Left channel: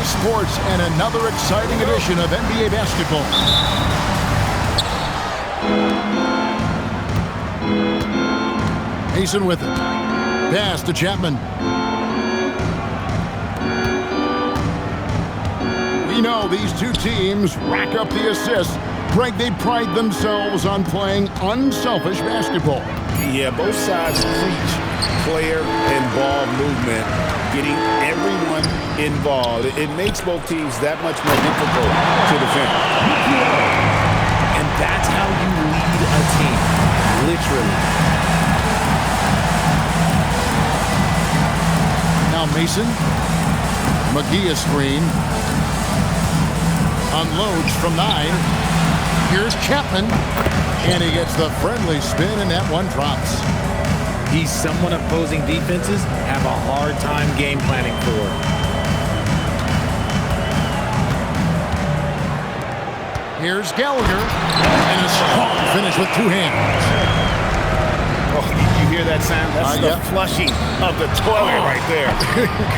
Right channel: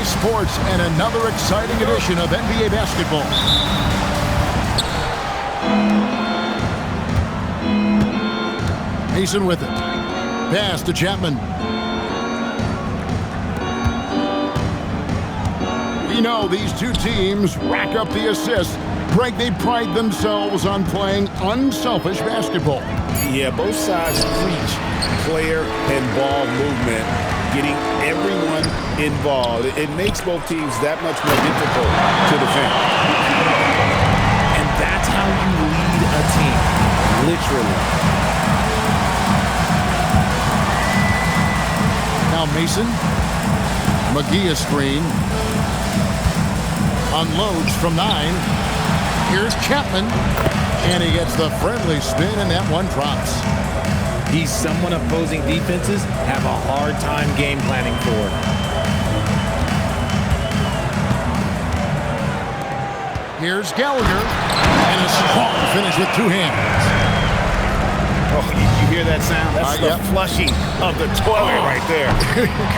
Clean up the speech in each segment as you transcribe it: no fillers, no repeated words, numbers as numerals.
EA Sports and another exciting edition of NBA basketball. Mason with it. Pass to Chapman. We know these two teams rack up the assists. Greg, they pride themselves on playing unselfish basketball. Yeah, both sides preach player and ball movement, getting everyone involved. It makes both teams that much more difficult to defend. And that's how you lead a team, literally. Now Mason. McGee a screen. Unloads from 9. Here's Chapman. And he gets the friendly spin, and that one drops. He's someone opposing defenses have a hard time game planning for. Here's Gallagher. And a strong finish with two hands. Oh, you hear that sound? That's the flushing of the toilet right there.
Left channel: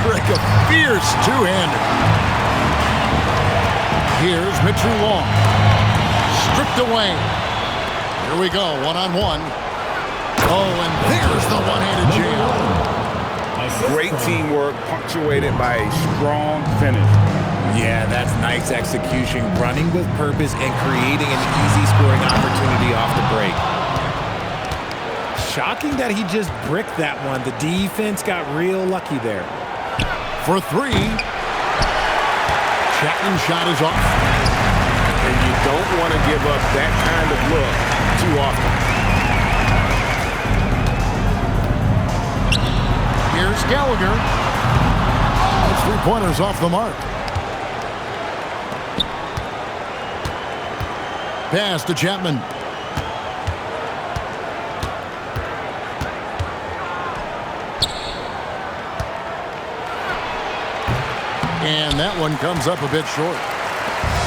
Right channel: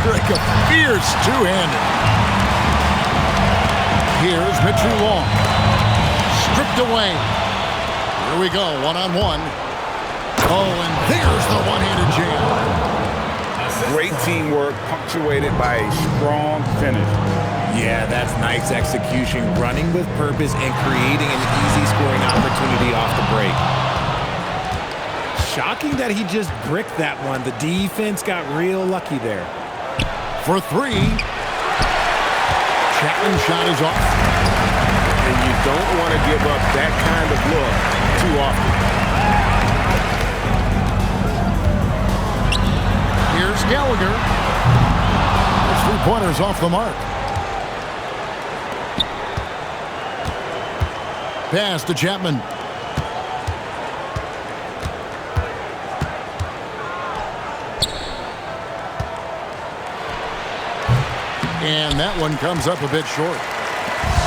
Greg, a fierce two-hander. Here's Mitchell Long. Stripped away. Here we go, one-on-one. Oh, and there's the one-handed jam. Great teamwork punctuated by a strong finish. Yeah, that's nice execution, running with purpose and creating an easy scoring opportunity off the break. Shocking that he just bricked that one. The defense got real lucky there. For 3. Chapman's shot is off. And you don't want to give up that kind of look too often. Here's Gallagher. That's 3-pointers off the mark. Pass to Chapman. And that one comes up a bit short.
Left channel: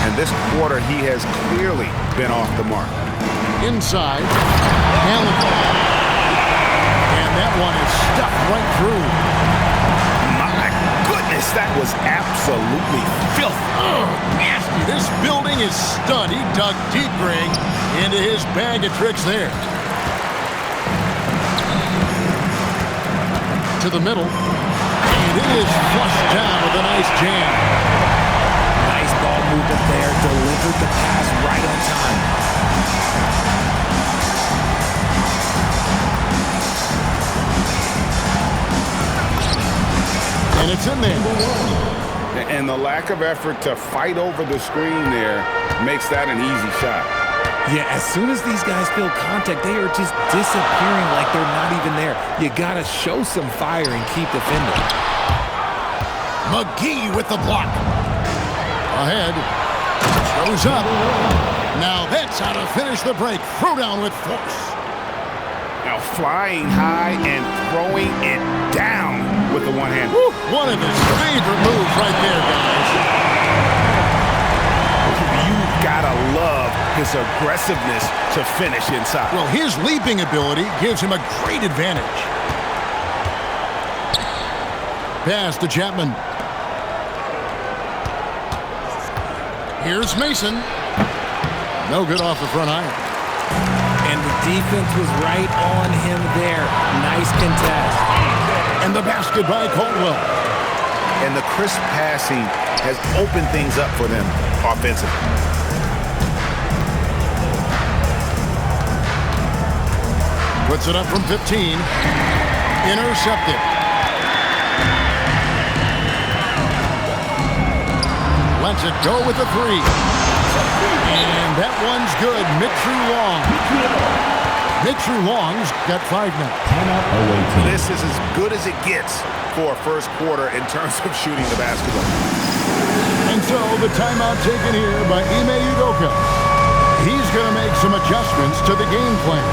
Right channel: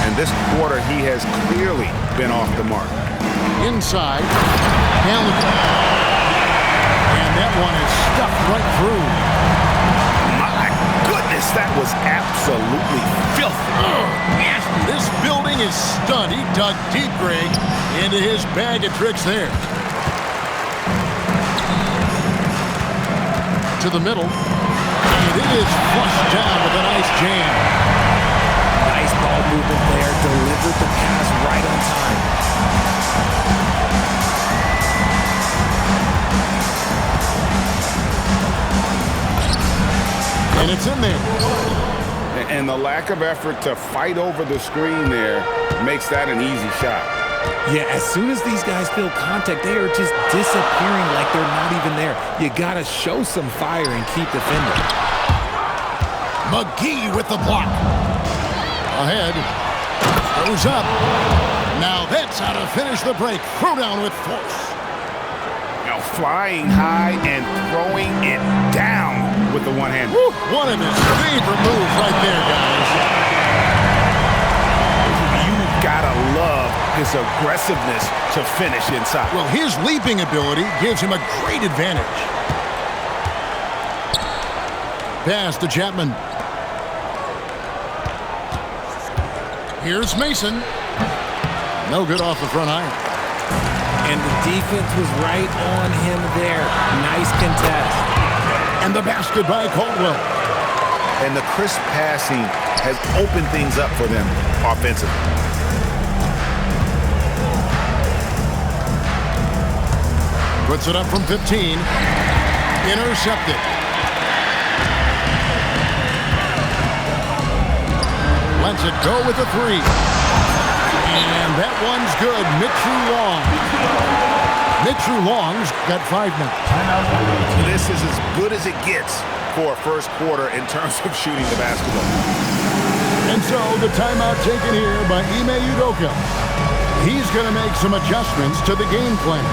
And this quarter, he has clearly been off the mark. Inside, Gallagher. And that one is stuffed right through. My goodness, that was absolutely filthy. Nasty. This building is stunned. He dug deep, Greg, into his bag of tricks there. To the middle. And it is flushed down with a nice jam. Nice ball movement there. Delivered the pass right on time. And it's in there. And the lack of effort to fight over the screen there makes that an easy shot. Yeah, as soon as these guys feel contact, they are just disappearing like they're not even there. You got to show some fire and keep defending. McGee with the block. Ahead. Throws up. Now that's how to finish the break. Throw down with force. Now flying high and throwing it down with the one hand. One of his favorite moves right there, guys. You've got to love his aggressiveness to finish inside. Well, his leaping ability gives him a great advantage. Pass to Chapman. Here's Mason. No good off the front iron. And the defense was right on him there. Nice contest. And the basket by Caldwell. And the crisp passing has opened things up for them offensively. Puts it up from 15. Intercepted. Lets it go with a 3. And that one's good. Mitchell Long. Mitchell Long's got 5 now. Timeout away team. This is as good as it gets for a first quarter in terms of shooting the basketball. And so the timeout taken here by Ime Udoka. He's going to make some adjustments to the game plan.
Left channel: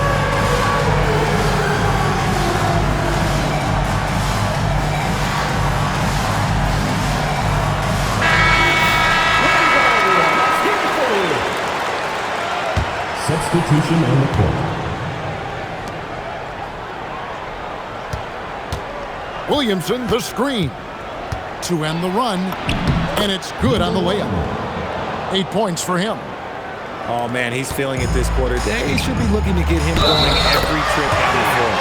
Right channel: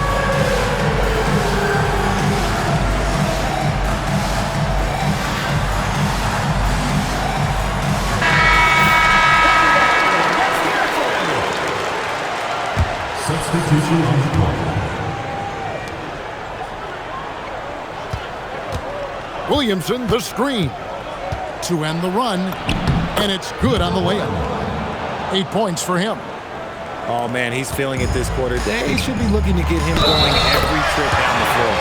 Substitution on the court. Williamson, the screen. To end the run. And it's good on the layup. 8 points for him. Oh, man, he's feeling it this quarter. They should be looking to get him going every trip down the floor.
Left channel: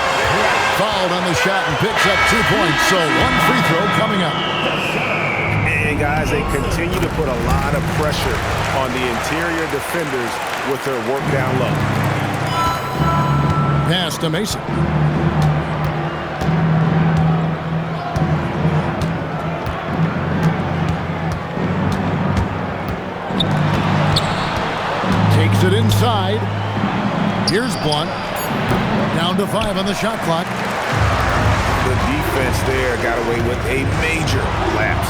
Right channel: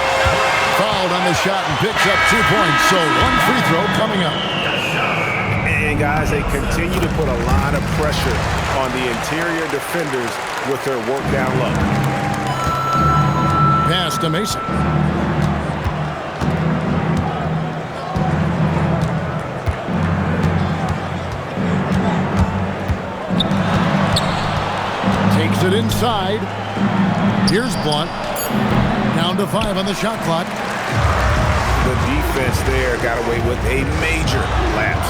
Fouled on the shot and picks up 2 points, so 1 free throw coming up. And, guys, they continue to put a lot of pressure on the interior defenders with their work down low. Pass to Mason. Takes it inside. Here's Blunt. Down to 5 on the shot clock. The defense there got away with a major lapse.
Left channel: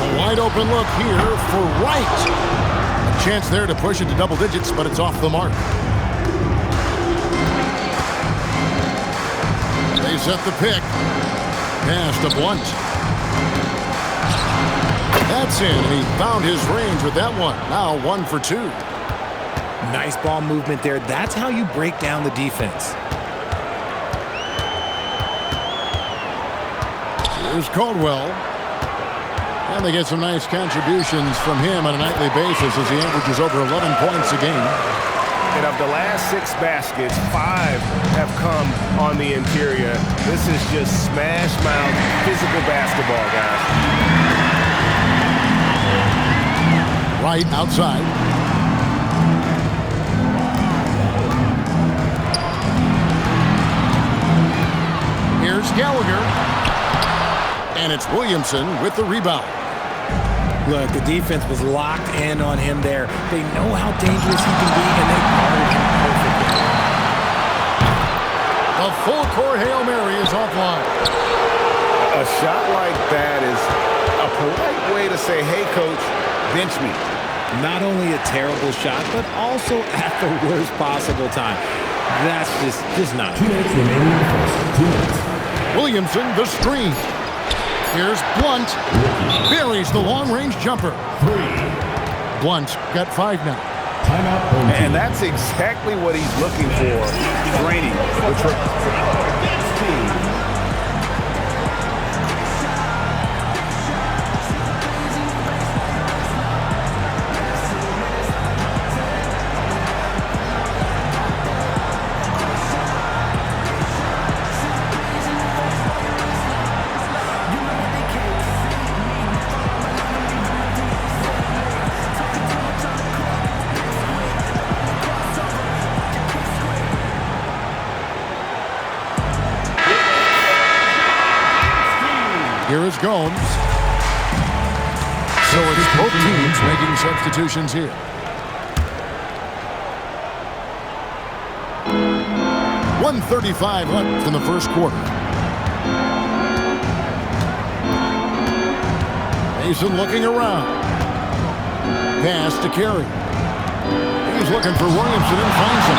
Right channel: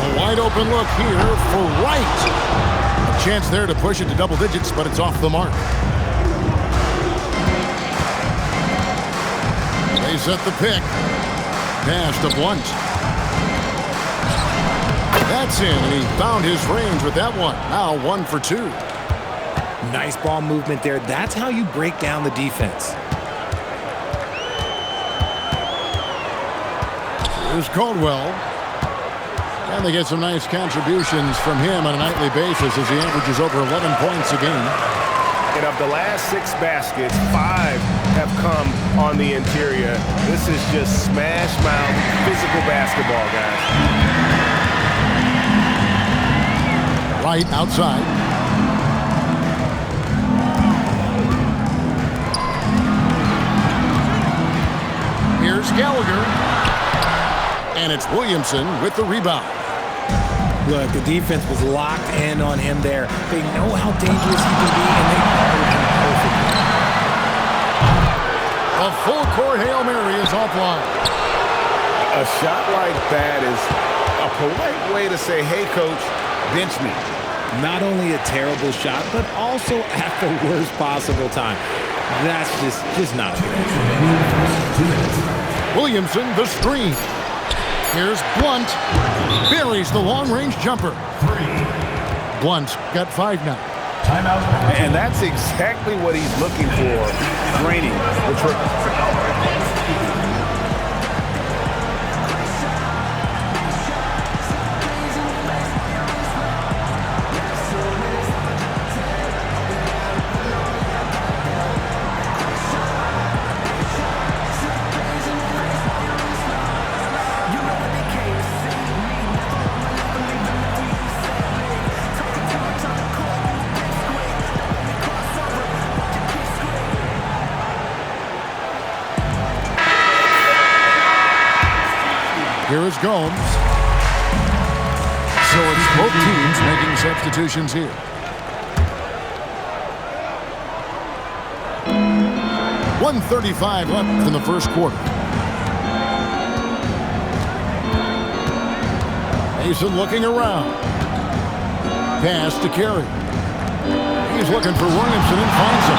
A wide open look here for Wright. A chance there to push it to double digits, but it's off the mark. They set the pick. Pass to Blunt. That's in, and he found his range with that one. Now 1 for 2. Nice ball movement there. That's how you break down the defense. Here's Caldwell. And they get some nice contributions from him on a nightly basis as he averages over 11 points a game. And of the last 6 baskets, 5 have come on the interior. This is just smash mouth physical basketball, guys. Right outside. Here's Gallagher. And it's Williamson with the rebound. Look, the defense was locked in on him there. They know how dangerous he can be, and they guarded him perfectly. A full court Hail Mary is offline. A shot like that is a polite way to say, hey, coach, bench me. Not only a terrible shot, but also at the worst possible time. That's just not good. Williamson, the screen. Here's Blunt. Buries the long-range jumper. 3. Blunt got 5 now. Timeout. And that's exactly what he's looking for. Draining the trick. Here is Gomes. So it's both teams making substitutions here. .135 left in the first quarter. Mason looking around. Pass to Carey. He's looking for Williamson and finds him.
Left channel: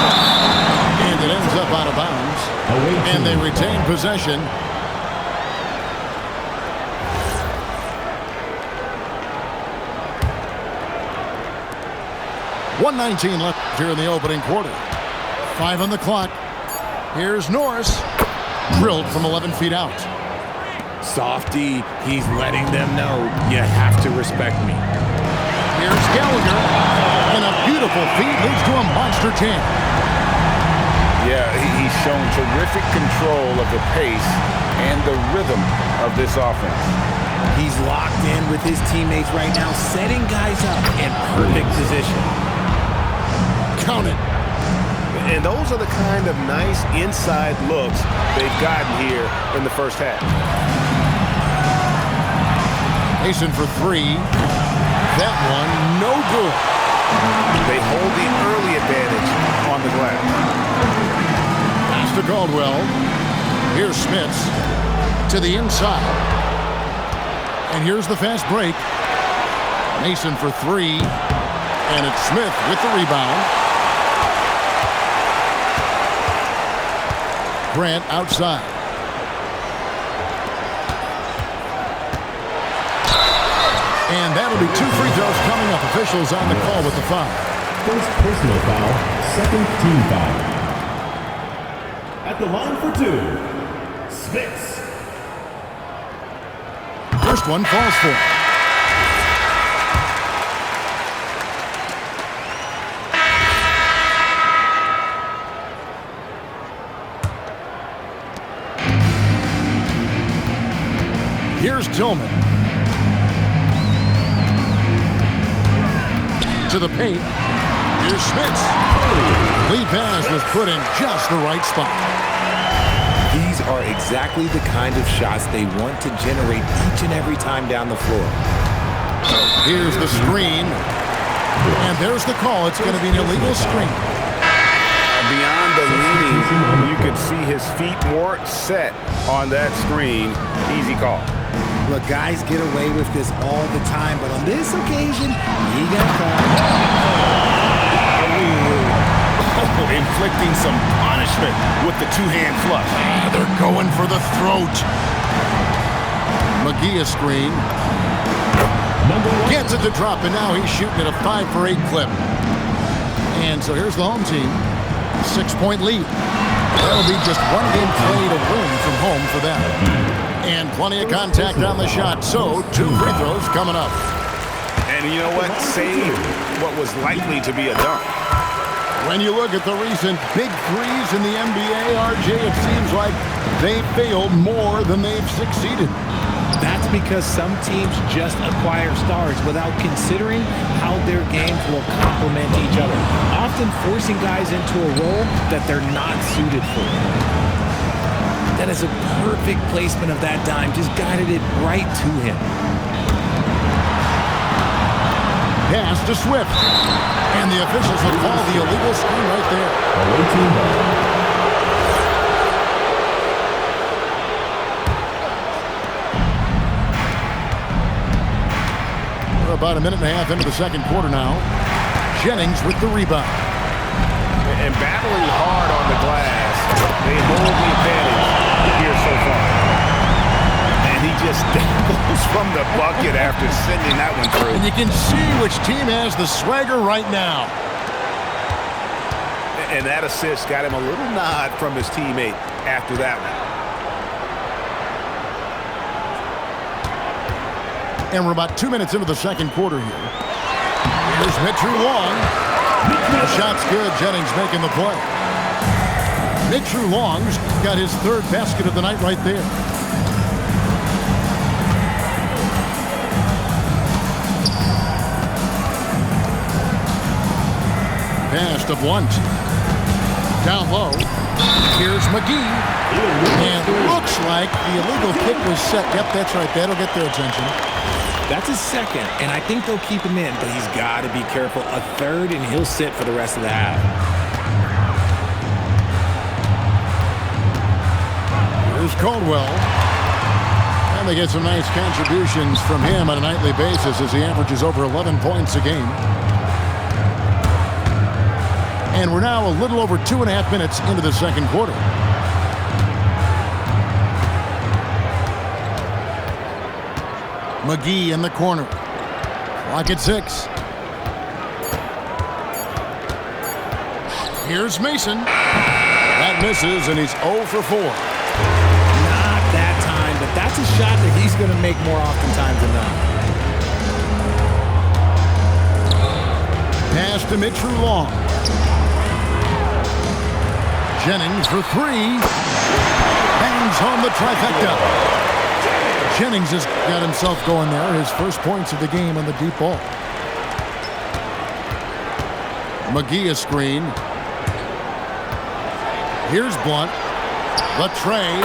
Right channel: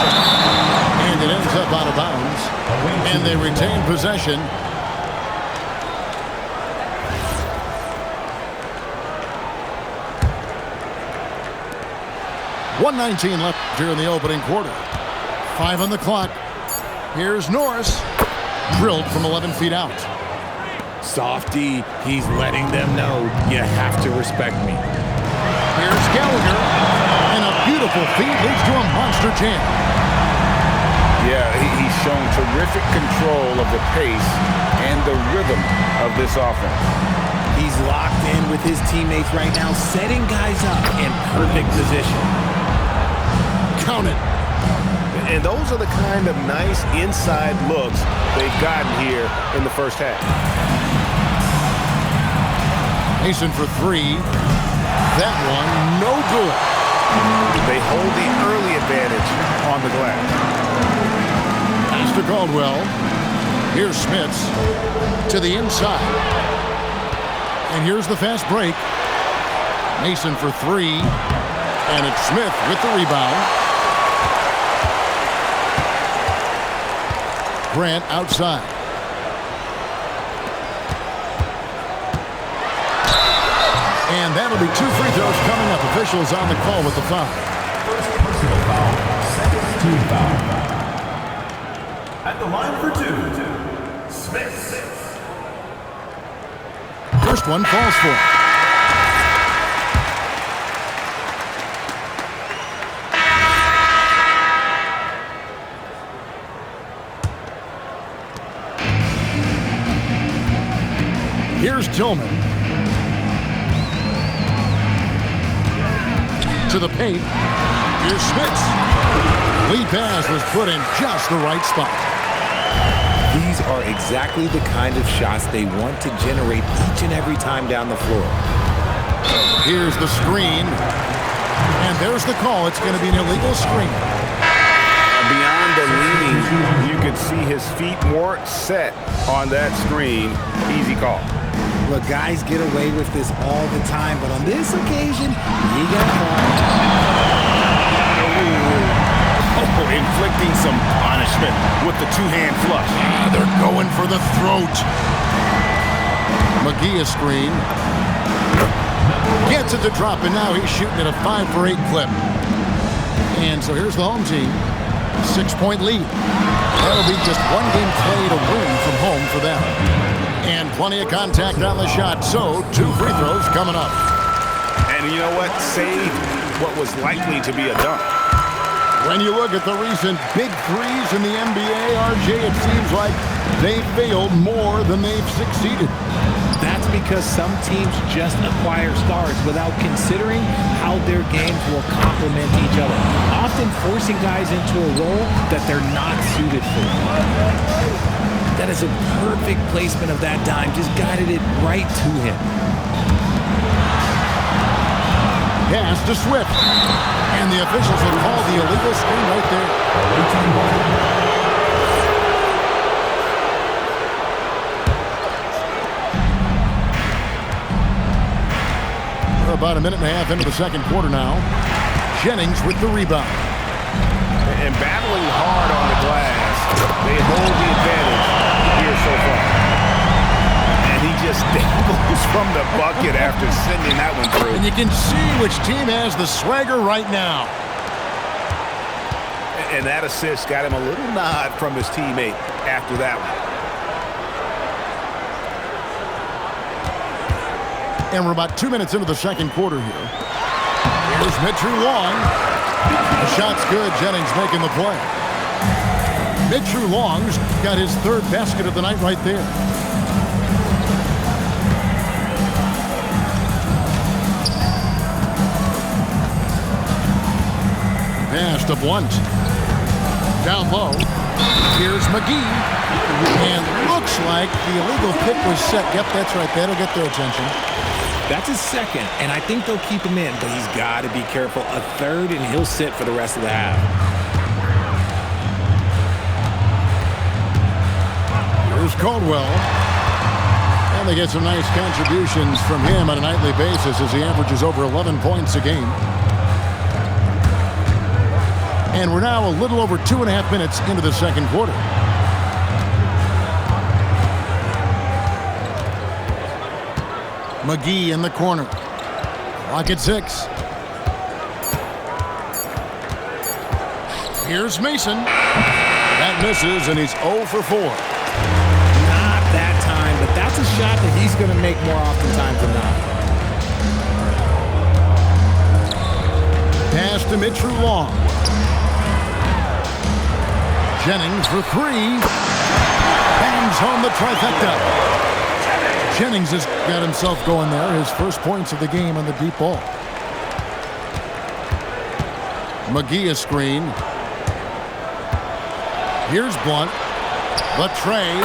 And it ends up out of bounds. And they retain possession. .119 left here in the opening quarter. 5 on the clock. Here's Norris. Drilled from 11 feet out. Softy, he's letting them know you have to respect me. Here's Gallagher. And a beautiful feed leads to a monster jam. Yeah, he's shown terrific control of the pace and the rhythm of this offense. He's locked in with his teammates right now, setting guys up in perfect position. Count it. And those are the kind of nice inside looks they've gotten here in the first half. Mason for 3. That one, no good. They hold the early advantage on the glass. Pass to Caldwell. Here's Smits to the inside. And here's the fast break. Mason for 3. And it's Smith with the rebound. Grant outside. And that'll be 2 free throws coming up. Officials on the call with the foul. First personal foul, second team foul. At the line for 2, Smith. First First one falls for him. Here's Tillman. To the paint. Here's Smits. Lead pass was put in just the right spot. These are exactly the kind of shots they want to generate each and every time down the floor. Here's the screen. And there's the call. It's going to be an illegal screen. Beyond the leaning, you could see his feet more set on that screen. Easy call. Look, guys get away with this all the time, but on this occasion, you got caught. Oh, inflicting some punishment with the two-hand flush. They're going for the throat. McGee a screen. Gets it to drop, and now he's shooting at a 5 for 8 clip. And so here's the home team. 6-point lead. That'll be just one game played a win from home for them. And plenty of contact on the shot, so 2 free throws coming up. And you know what? Saved what was likely to be a dunk. When you look at the recent big threes in the NBA, RJ, it seems like they failed more than they've succeeded. That's because some teams just acquire stars without considering how their games will complement each other, often forcing guys into a role that they're not suited for. That is a perfect placement of that dime, just guided it right to him. Pass to Swift. And the officials will call the illegal screen right there. We're about a minute and a half into the second quarter now. Jennings with the rebound. And battling hard on the glass, they hold the advantage here so far. And he just dangles from the bucket after sending that one through. And you can see which team has the swagger right now. And that assist got him a little nod from his teammate after that one. And we're about 2 minutes into the second quarter here. Here's Mitchell Long. The shot's good. Jennings making the play. Mitchell Long's got his 3rd basket of the night right there. Pass to Blunt. Down low. Here's McGee. And looks like the illegal kick was set. Yep, that's right. That'll get their attention. That's his 2nd, and I think they'll keep him in, but he's got to be careful. A 3rd, and he'll sit for the rest of the half. Here's Caldwell. And they get some nice contributions from him on a nightly basis as he averages over 11 points a game. And we're now a little over 2.5 minutes into the second quarter. McGee in the corner. Clock at 6. Here's Mason. That misses, and he's 0 for 4. Not that time, but that's a shot that he's going to make more oftentimes than not. Pass to Mitchell Long. Jennings for 3. Bangs home the trifecta. Jennings has got himself going there. His first points of the game on the deep ball. McGee a screen. Here's Blunt. The tray.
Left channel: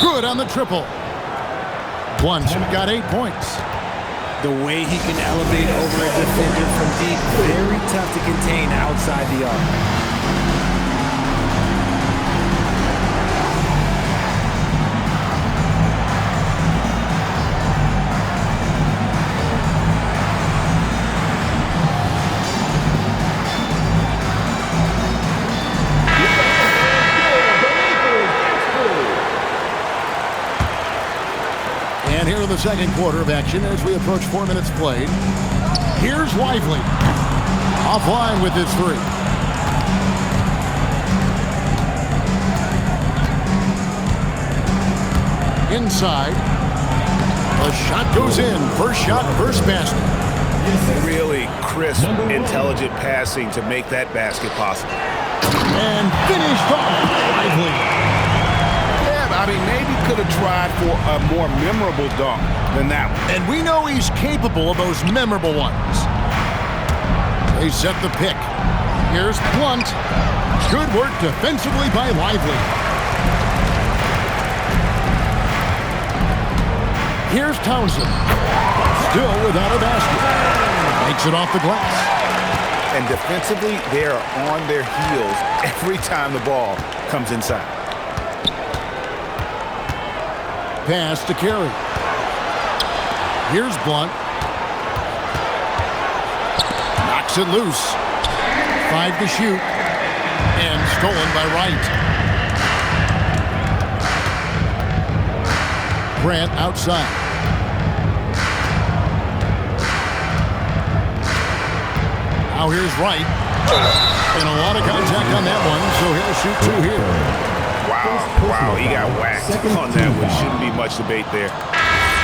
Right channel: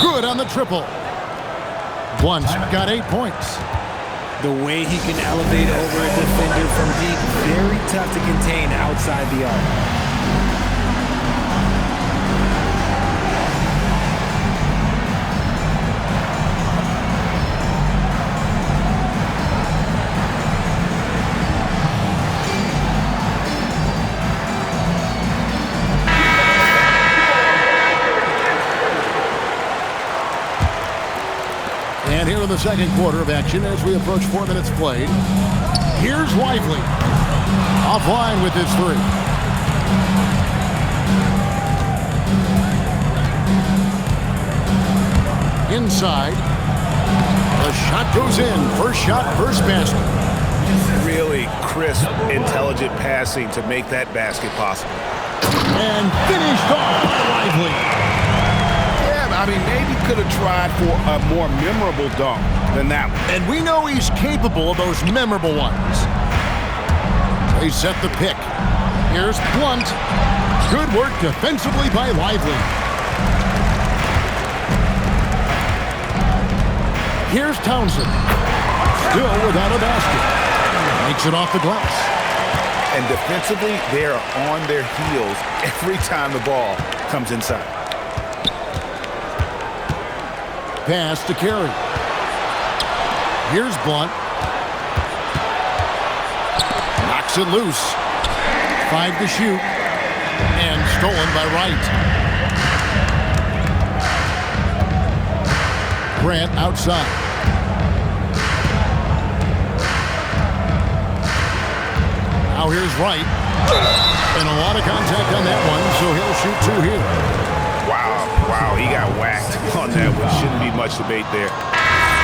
Good on the triple. Blunt got 8 points. The way he can elevate over a defender from deep, very tough to contain outside the arc. And here in the second quarter of action as we approach 4 minutes played. Here's Lively. Offline with his 3. Inside. The shot goes in. First shot, first basket. Really crisp, intelligent passing to make that basket possible. And finished off by Lively. Yeah, I mean, maybe could have tried for a more memorable dunk than that one. And we know he's capable of those memorable ones. They set the pick. Here's Blunt. Good work defensively by Lively. Here's Townsend. Still without a basket. Makes it off the glass. And defensively, they are on their heels every time the ball comes inside. Pass to Carey. Here's Blunt. Knocks it loose. 5 to shoot. And stolen by Wright. Grant outside. Now here's Wright. And a lot of contact on that one, so he'll shoot 2 here. Wow, he got whacked on that one. Shouldn't be much debate there.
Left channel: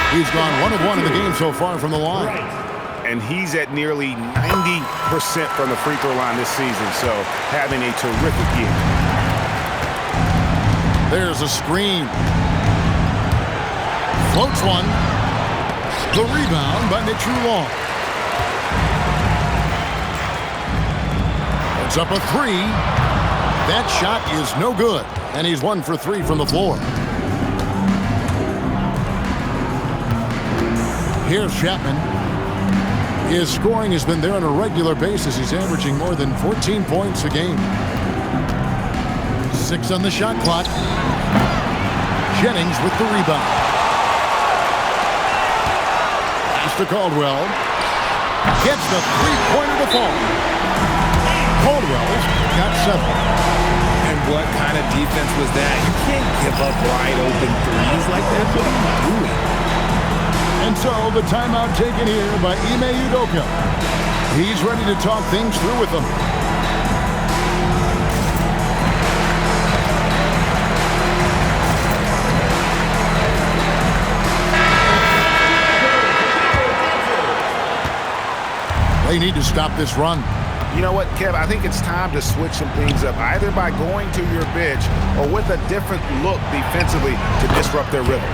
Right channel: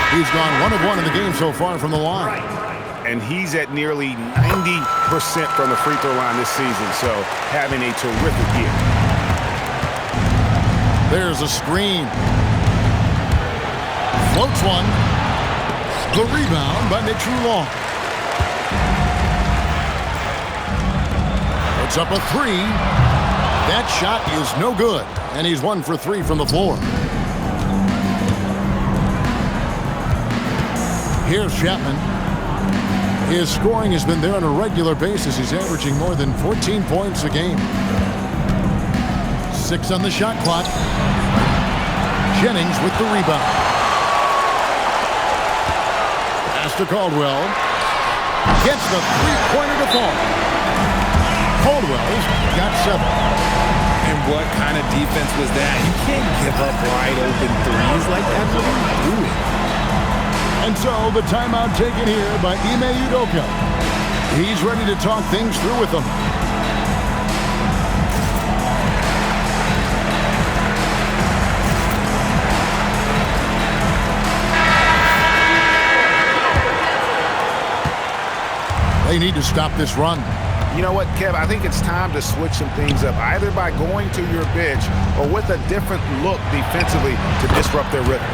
He's gone 1 of 1 in the game so far from the line. And he's at nearly 90% from the free throw line this season, so having a terrific year. There's a screen. Floats one. The rebound by Mitchell Long. It's up a 3. That shot is no good, and he's 1 for 3 from the floor. Here's Chapman. His scoring has been there on a regular basis. He's averaging more than 14 points a game. 6 on the shot clock. Jennings with the rebound. Pass to Caldwell. Gets the three-pointer to fall. Caldwell's got 7. And what kind of defense was that? You can't give up wide open threes like that. What are you doing? And so the timeout taken here by Ime Udoka. He's ready to talk things through with them. They need to stop this run. You know what, Kev? I think it's time to switch some things up, either by going to your bench or with a different look defensively to disrupt their rhythm.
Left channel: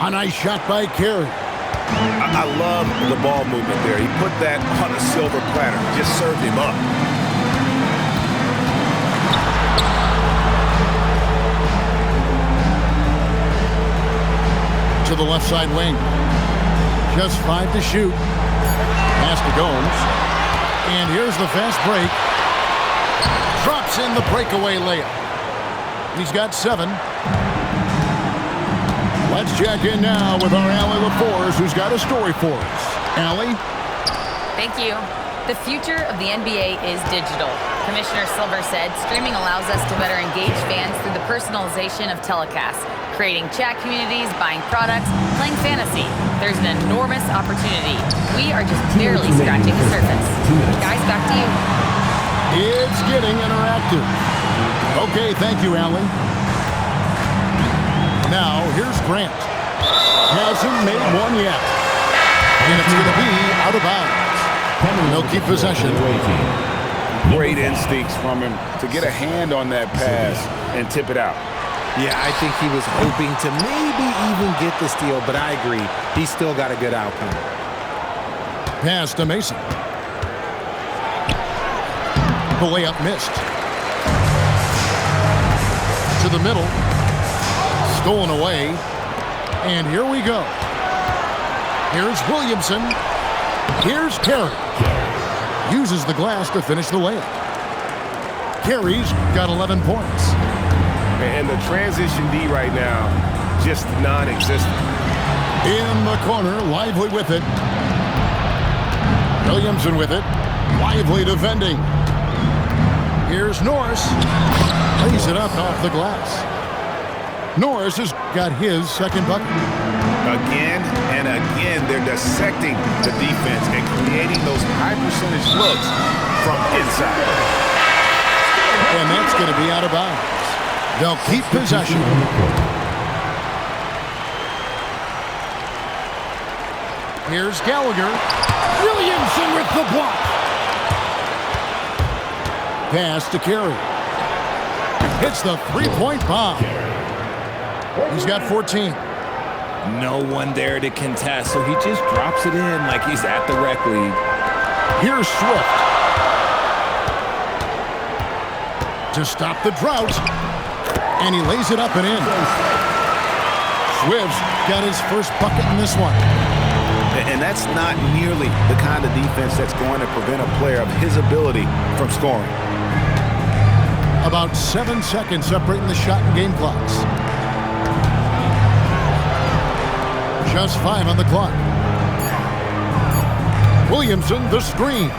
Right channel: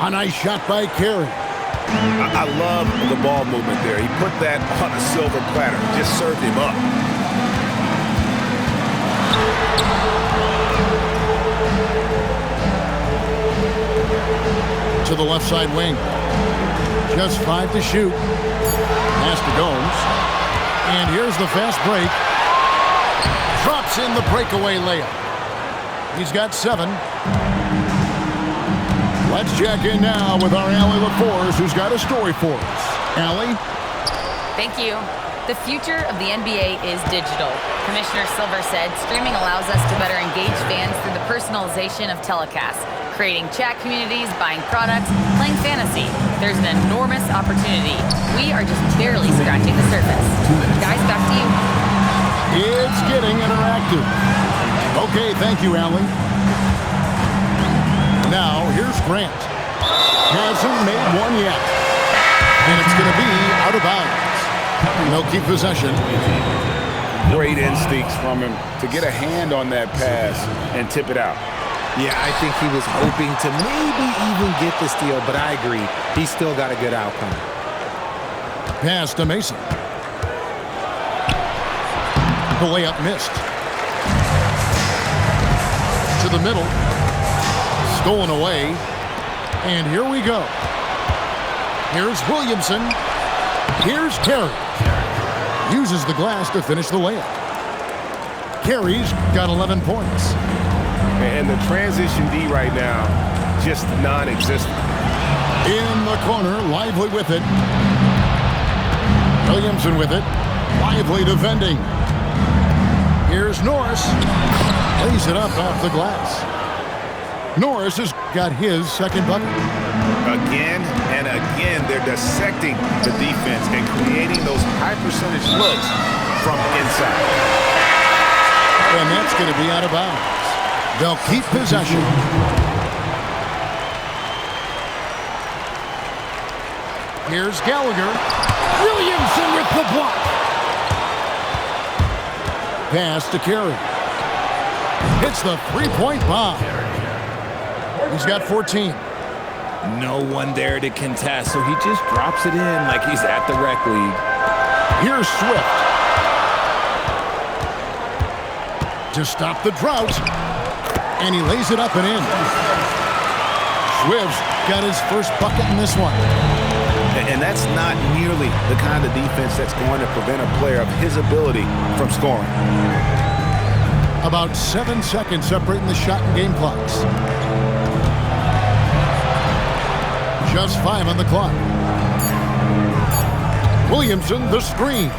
A nice shot by Carey. I love the ball movement there. He put that on a silver platter, just served him up. To the left side wing. Just 5 to shoot. Pass to Gomes. And here's the fast break. Drops in the breakaway layup. He's got 7. Let's check in now with our Allie LaForce, who's got a story for us. Allie? Thank you. The future of the NBA is digital. Commissioner Silver said streaming allows us to better engage fans through the personalization of telecasts, creating chat communities, buying products, playing fantasy. There's an enormous opportunity. We are just barely scratching the surface. Guys, back to you. It's getting interactive. Okay, thank you, Allie. Now, here's Grant. Hasn't made one yet. And it's going to be out of bounds. They'll keep possession. Great instincts from him to get a hand on that pass and tip it out. Yeah, I think he was hoping to maybe even get the steal, but I agree. He's still got a good outcome. Pass to Mason. The layup missed. To the middle. Stolen away. And here we go. Here's Williamson. Here's Carey. Uses the glass to finish the layup. Carey's got 11 points. And the transition D right now, just non-existent. In the corner, Lively with it. Williamson with it. Lively defending. Here's Norris. Lays it up off the glass. Norris has got his second bucket. Again and again, they're dissecting the defense and creating those high percentage looks from inside. And that's going to be out of bounds. They'll keep possession. Here's Gallagher. Williamson with the block. Pass to Carey. Hits the three-point bomb. He's got 14. No one there to contest, so he just drops it in like he's at the rec league. Here's Swift. To stop the drought. And he lays it up and in. Swift's got his first bucket in this one. And that's not nearly the kind of defense that's going to prevent a player of his ability from scoring. About 7 seconds separating the shot and game clocks. Just 5 on the clock. Williamson, the screen.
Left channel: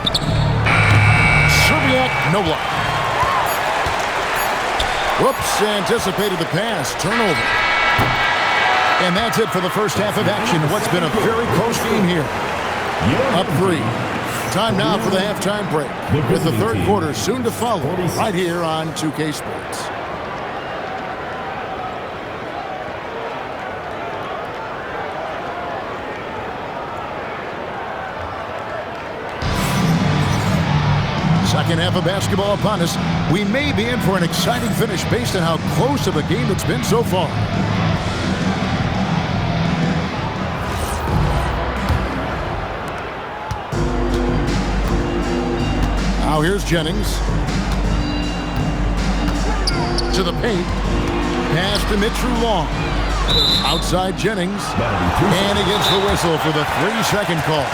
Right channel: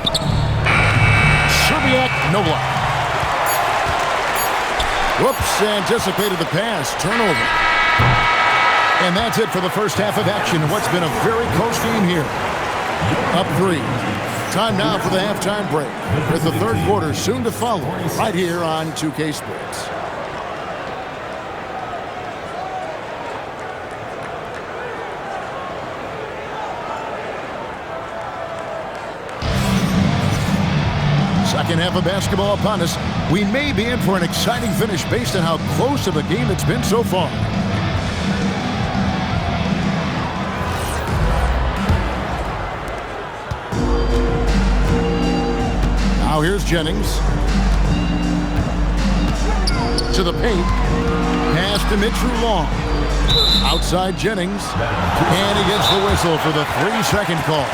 Serbiak, no block. Whoops, anticipated the pass. Turnover. And that's it for the first half of action. What's been a very close game here. Up 3. Time now for the halftime break, with the third quarter soon to follow right here on 2K Sports. Second half of basketball upon us. We may be in for an exciting finish based on how close of a game it's been so far. Now here's Jennings. To the paint. Pass to Mitchell Long. Outside Jennings. And he gets the whistle for the 3-second call.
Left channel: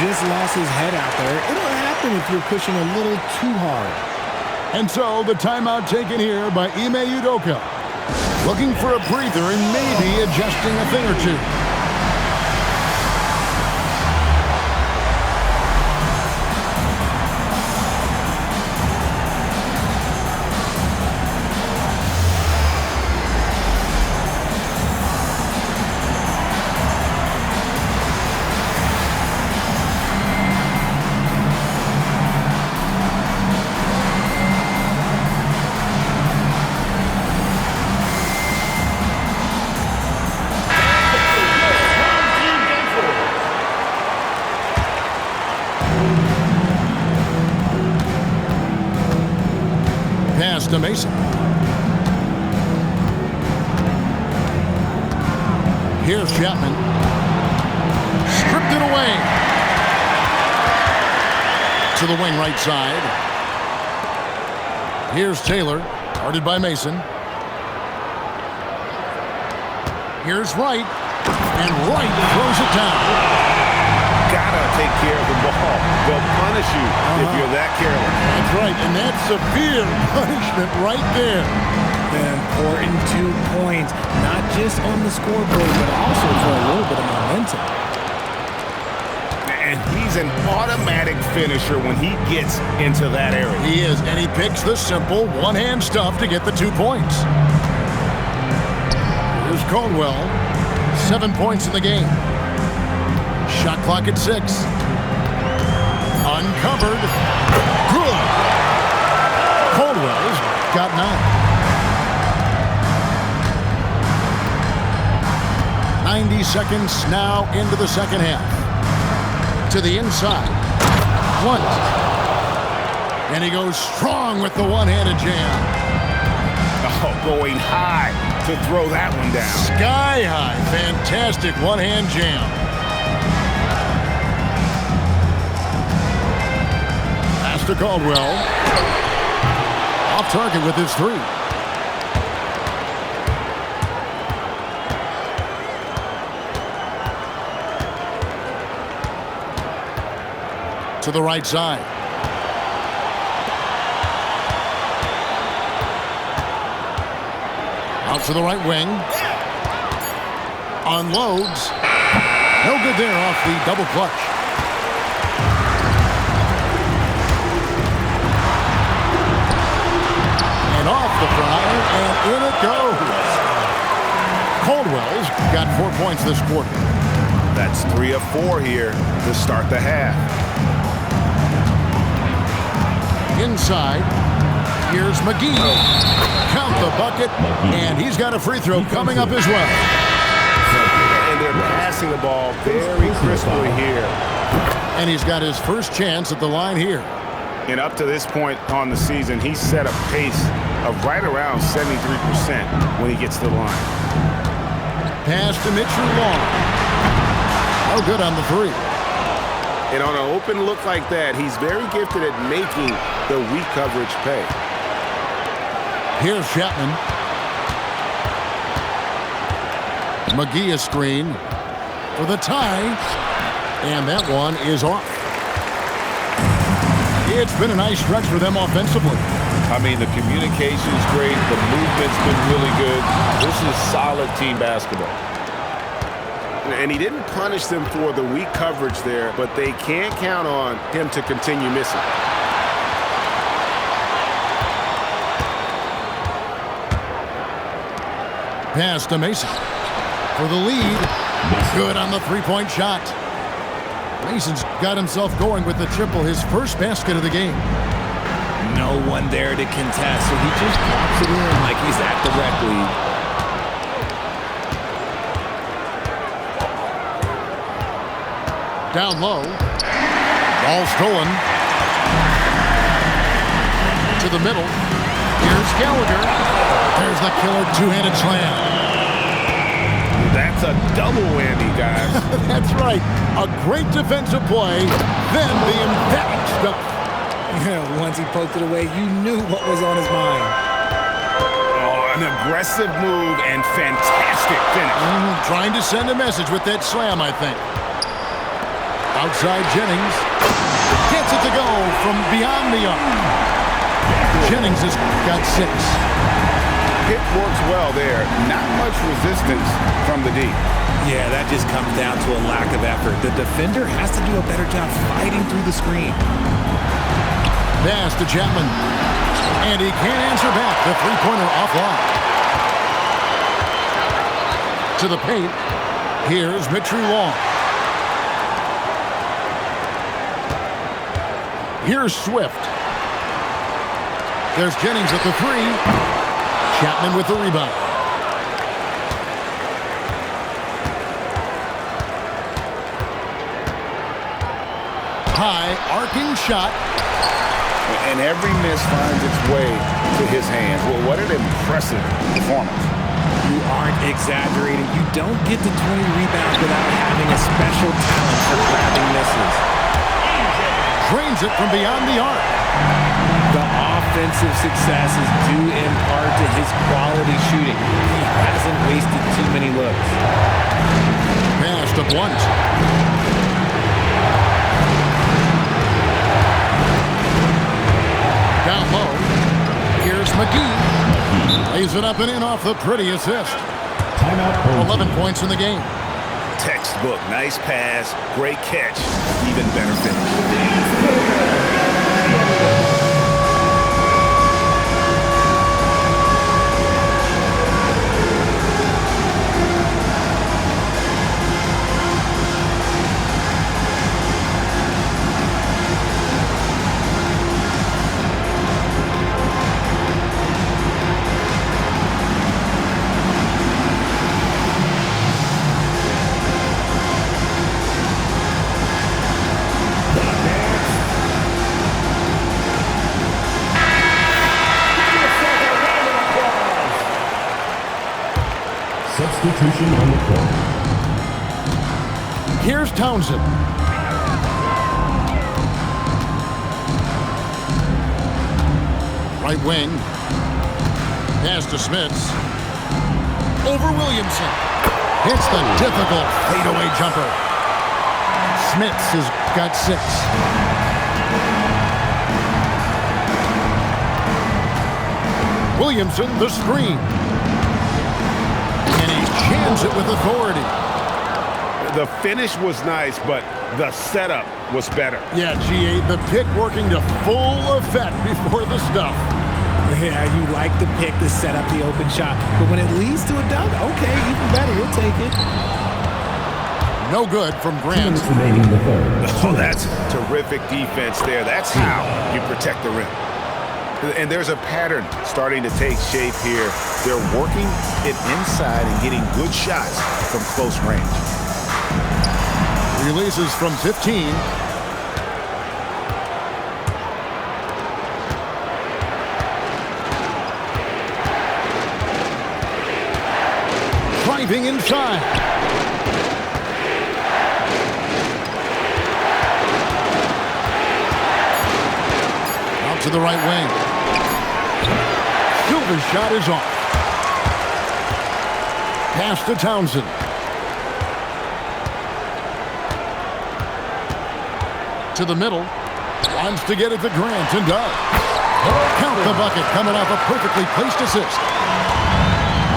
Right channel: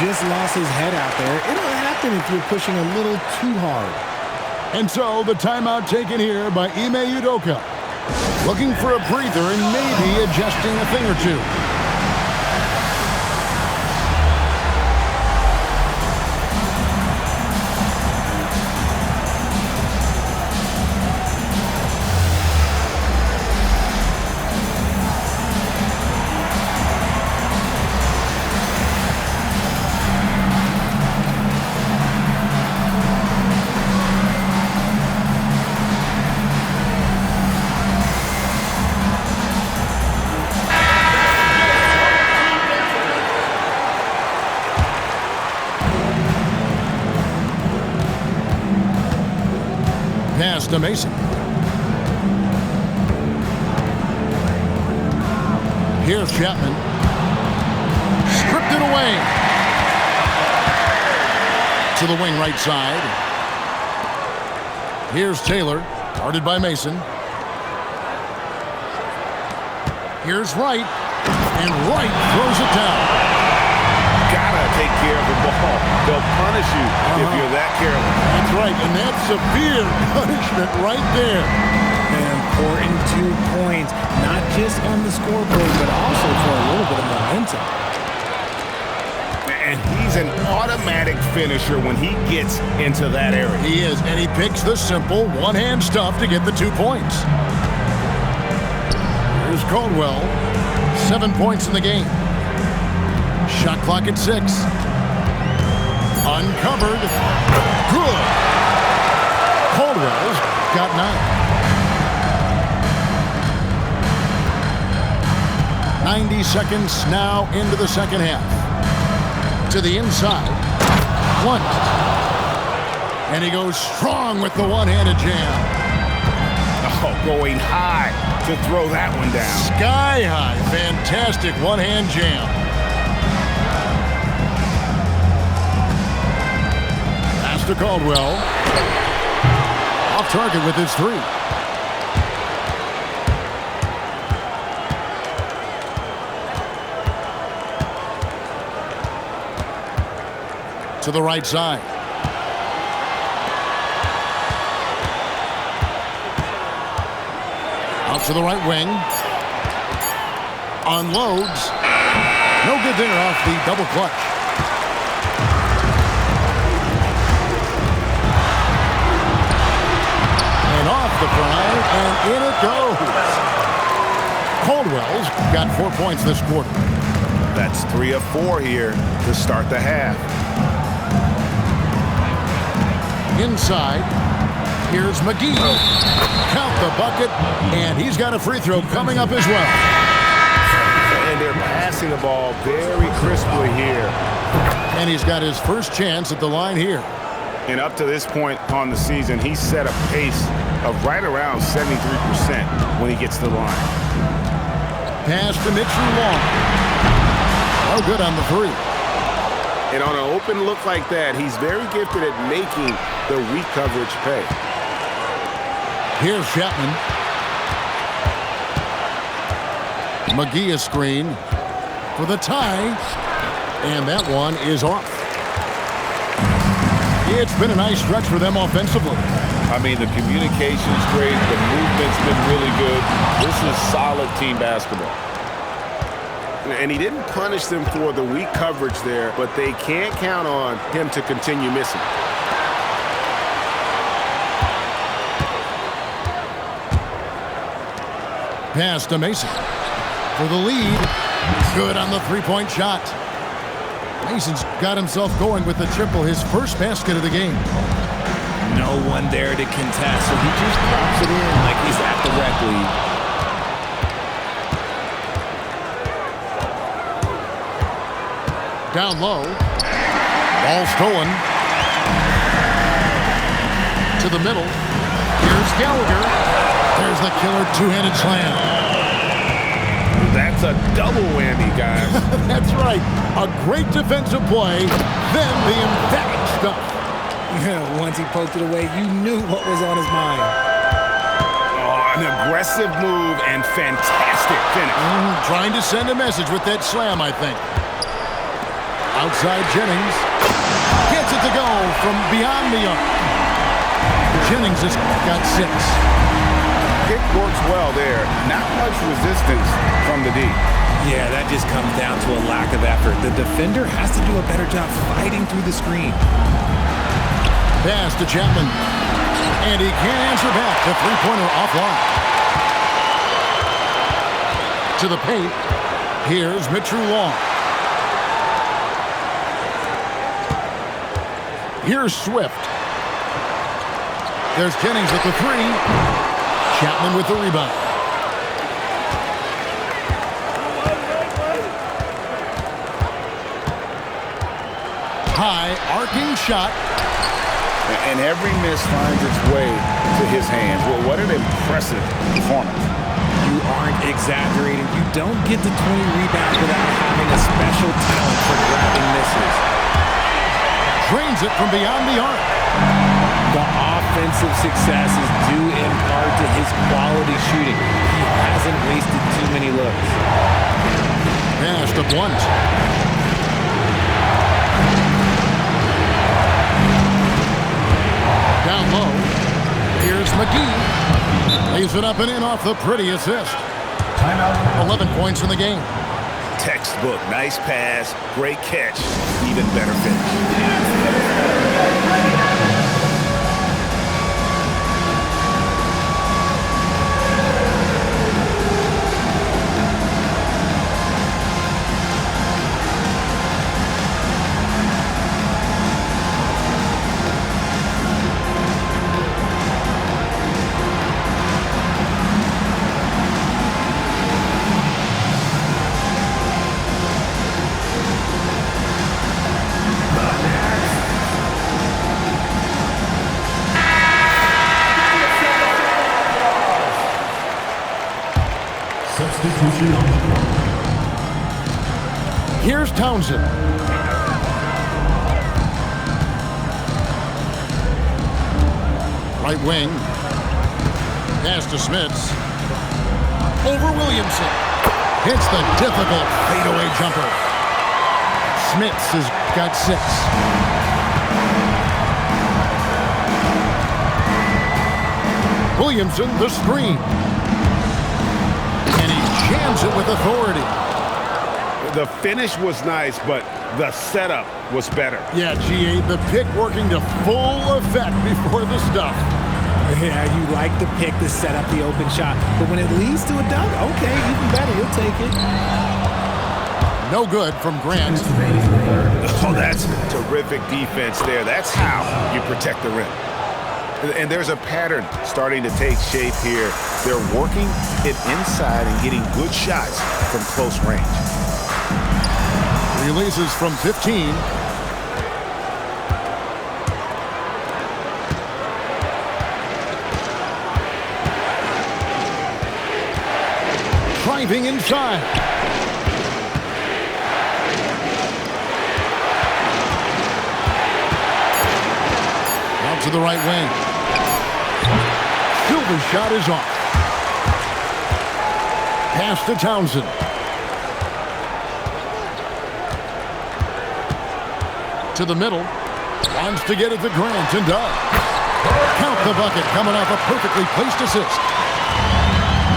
Just lost his head out there. It'll happen if you're pushing a little too hard. And so the timeout taken here by Ime Udoka. Looking for a breather and maybe adjusting a thing or two. Pass to Mason. Here's Chapman. Stripped it away. To the wing right side. Here's Taylor. Guarded by Mason. Here's Wright. And Wright throws it down. Gotta take care of the ball. They'll punish you if you're that careless. That's right, and that's severe punishment right there. An important 2 points, not just on the scoreboard, but also for a little bit of momentum. And he's an automatic finisher when he gets into that area. He is, and he picks the simple one-hand stuff to get the 2 points. Here's Caldwell. 7 points in the game. Shot clock at 6. Uncovered. Good. Caldwell's got 9. 90 seconds now into the second half. To the inside. Blunt. And he goes strong with the one-handed jam. Oh, going high to throw that one down. Sky high. Fantastic one-hand jam. Pass to Caldwell. Off target with his 3. To the right side. Out to the right wing. Unloads. No good there off the double clutch. And off the front, and in it goes. Caldwell's got 4 points this quarter. That's 3 of 4 here to start the half. Inside, here's McGee. Count the bucket, and he's got a free throw coming up as well. And they're passing the ball very crisply here. And he's got his first chance at the line here. And up to this point on the season, he's set a pace of right around 73% when he gets to the line. Pass to Mitchell Long. No good on the three. And on an open look like that, he's very gifted at making the weak coverage pay. Here's Chapman. McGee a screen for the tie. And that one is off. It's been a nice stretch for them offensively. I mean, the communication's great. The movement's been really good. This is solid team basketball. And he didn't punish them for the weak coverage there, but they can't count on him to continue missing. Pass to Mason for the lead. Good on the three-point shot. Mason's got himself going with the triple, his first basket of the game. No one there to contest, so he just drops it in like he's at the rec league. Down low. Ball stolen. To the middle. Here's Gallagher. There's the killer two-handed slam. That's a double whammy, guys. That's right. A great defensive play, then the emphatic stuff. Yeah, once he poked it away, you knew what was on his mind. Oh, an aggressive move and fantastic finish. Trying to send a message with that slam, I think. Outside Jennings. Gets it to go from beyond the arc. Jennings has got 6. Pick works well there. Not much resistance from the D. Yeah, that just comes down to a lack of effort. The defender has to do a better job fighting through the screen. Pass to Chapman. And he can't answer back. The three-pointer offline. To the paint. Here's Mitchell Long. Here's Swift. There's Jennings at the 3. Chapman with the rebound. High arcing shot. And every miss finds its way to his hands. Well, what an impressive performance. You aren't exaggerating. You don't get to 20 rebounds without having a special talent for grabbing misses. Drains it from beyond the arc. The offensive success is due in part to his quality shooting. He hasn't wasted too many looks. Pass to Blunt. Down low. Here's McGee. Lays it up and in off the pretty assist. Timeout. 11 points in the game. Textbook. Nice pass. Great catch. Even better finish. Substitution on the court. Here's Townsend. Right wing. Pass to Smits. Over Williamson. Hits the difficult fadeaway jumper. Smits has got 6. Williamson, the screen. And he jams it with authority. The finish was nice, but the setup was better. Yeah, GA, the pick working to full effect before the stuff. Yeah, you like the pick to set up the open shot, but when it leads to a dunk, okay, even better, you'll take it. No good from Grant. Remaining in the third. Oh, that's terrific defense there. That's how you protect the rim. And there's a pattern starting to take shape here. They're working it inside and getting good shots from close range. Releases from 15. Driving inside. Out to the right wing. Silva's shot is off. Pass to Townsend. To the middle. Wants to get it to Grant and does. Count the bucket coming off a perfectly placed assist.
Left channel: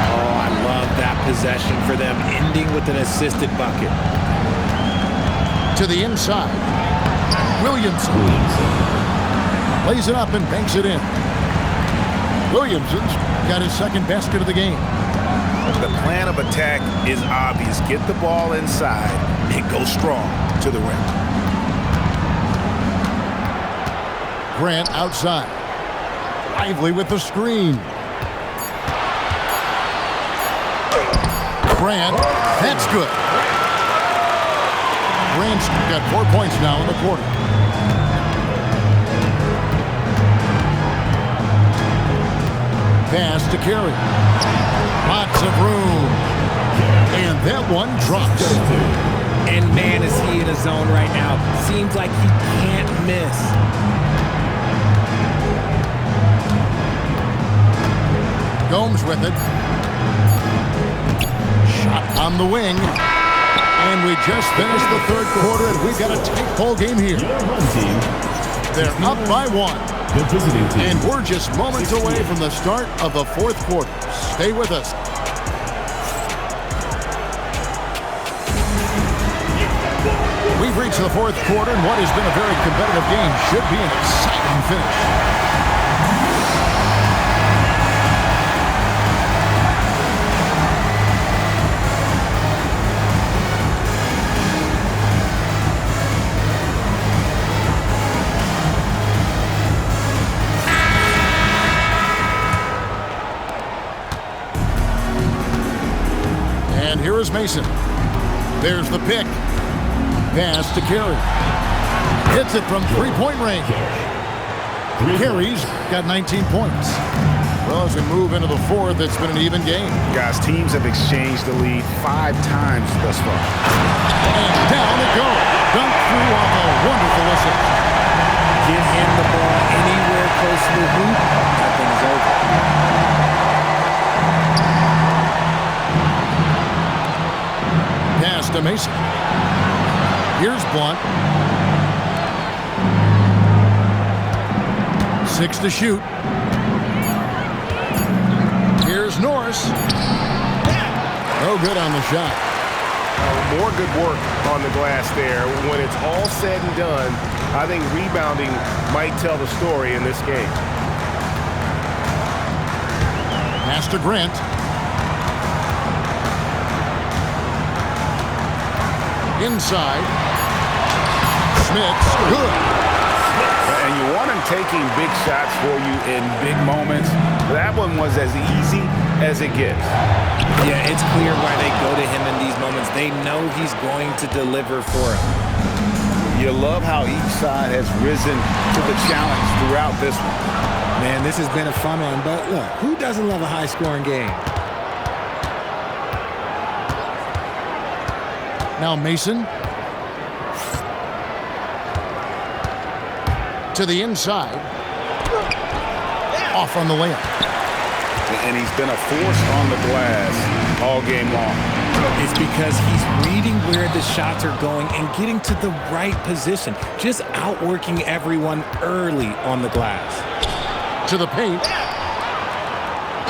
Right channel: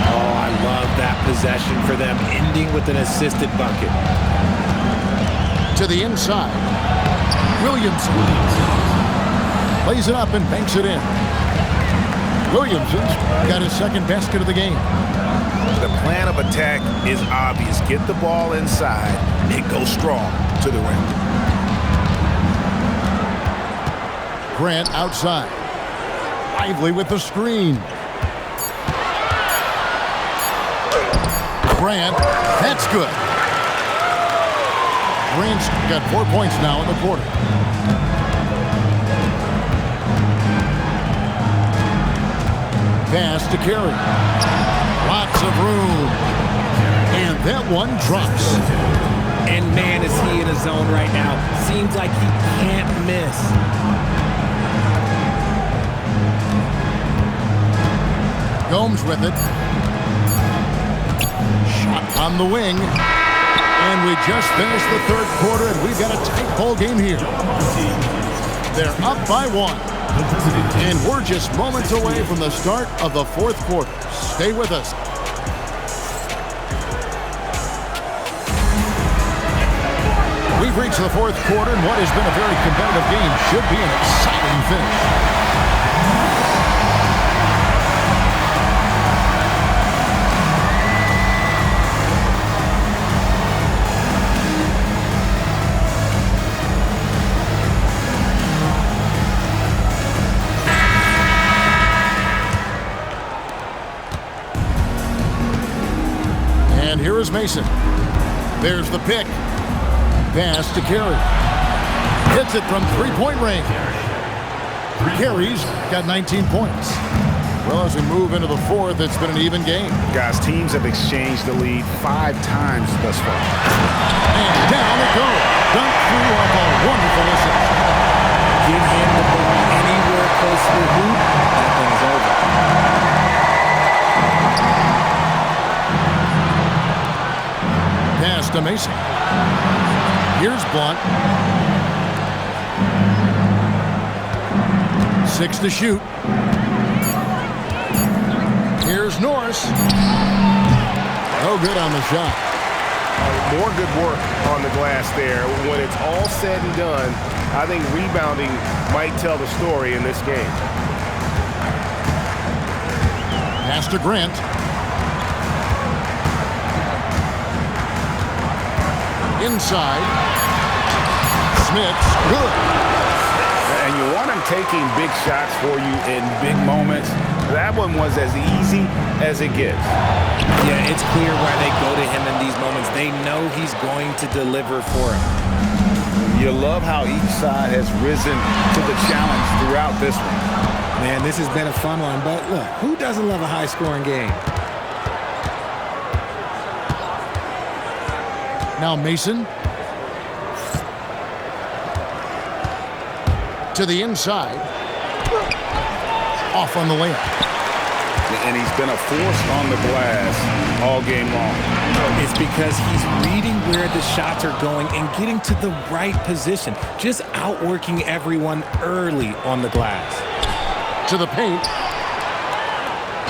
Oh, I love that possession for them, ending with an assisted bucket. To the inside. Williamson. Lays it up and banks it in. Williamson's got his second basket of the game. The plan of attack is obvious. Get the ball inside and go strong to the rim. Grant outside. Lively with the screen. Grant, that's good. Grant's got 4 points now in the quarter. Pass to Carey. Lots of room. And that one drops. And man, is he in a zone right now. Seems like he can't miss. Gomes with it. Shot on the wing. And we just finished the third quarter, and we've got a tight ball game here. They're up by 1. And we're just moments away from the start of the fourth quarter. Stay with us. We've reached the fourth quarter, and what has been a very competitive game should be an exciting finish. And here is Mason. There's the pick. Pass to Carey. Hits it from three-point range. Carey's got 19 points. Well, as we move into the fourth, it's been an even game. Guys, teams have exchanged the lead 5 times thus far. And down it goes. Dunked through off a wonderful assist. Get him the ball anywhere close to the hoop, that thing is over. Pass to Mason. Here's Blunt. 6 to shoot. Here's Norris. No good on the shot. More good work on the glass there. When it's all said and done, I think rebounding might tell the story in this game. Pass to Grant. Inside. Smith's good. And you want him taking big shots for you in big moments. That one was as easy as it gets. Yeah, it's clear why they go to him in these moments. They know he's going to deliver for them. You love how each side has risen to the challenge throughout this one. Man, this has been a fun one, but look, who doesn't love a high-scoring game? Now Mason. To the inside. Off on the layup. And he's been a force on the glass all game long. It's because he's reading where the shots are going and getting to the right position. Just outworking everyone early on the glass. To the paint.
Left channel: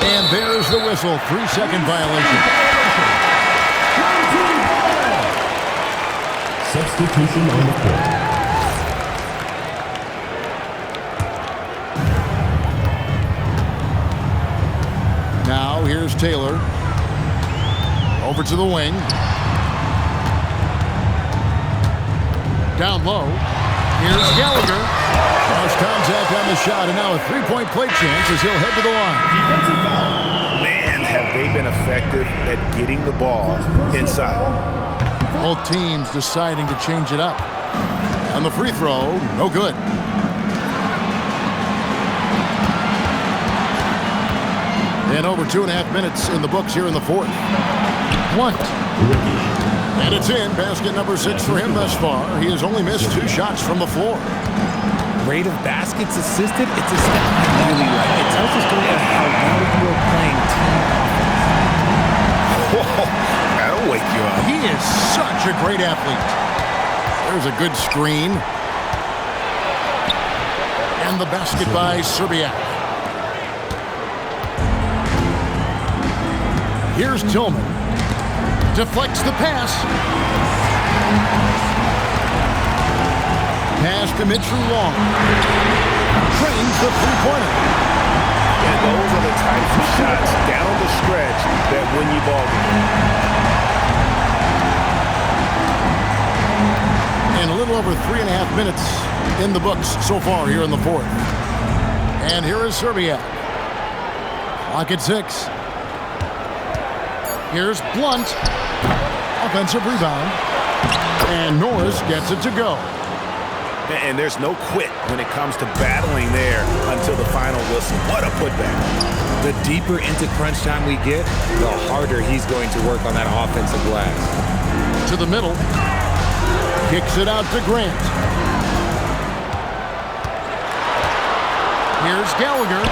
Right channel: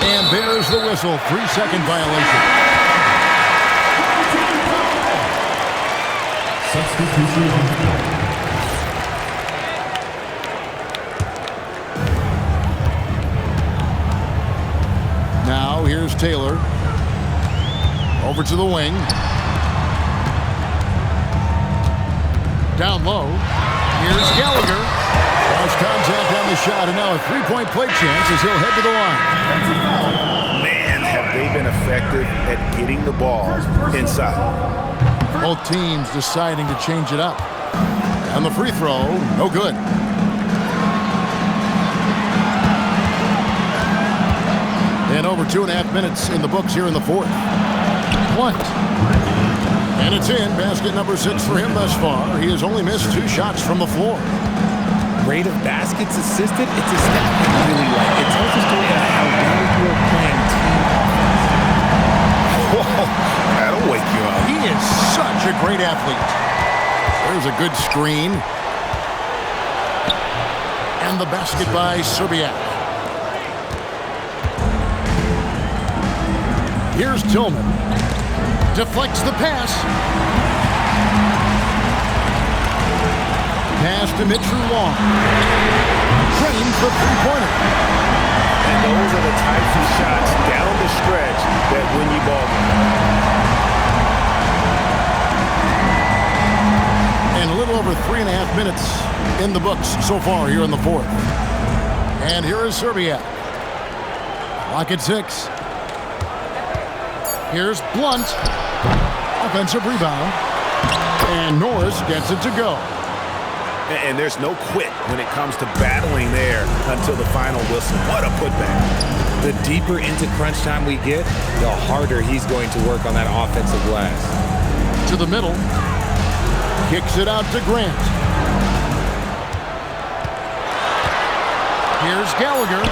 And there's the whistle. 3-second violation. Substitution on the court. Now here's Taylor. Over to the wing. Down low. Here's Gallagher. Cross contact on the shot, and now a three-point play chance as he'll head to the line. Man, have they been effective at getting the ball inside. Both teams deciding to change it up. And the free throw, no good. And over 2.5 minutes in the books here in the fourth. Blunt. And it's in. Basket number 6 for him thus far. He has only missed 2 shots from the floor. Rate of baskets assisted, it's a stat I really like. It tells the story of how well you are playing team offense. Whoa, that'll wake you up. He is such a great athlete. There's a good screen. And the basket by Serbiak. Here's Tillman. Deflects the pass. Pass to Mitchell Long. Trains the three-pointer. And those are the types of shots down the stretch that win you ball game. And a little over 3.5 minutes in the books so far here in the fourth. And here is Serbiak. Clock at 6. Here's Blunt. Offensive rebound. And Norris gets it to go. And there's no quit when it comes to battling there until the final whistle. What a putback. The deeper into crunch time we get, the harder he's going to work on that offensive glass. To the middle. Kicks it out to Grant. Here's Gallagher.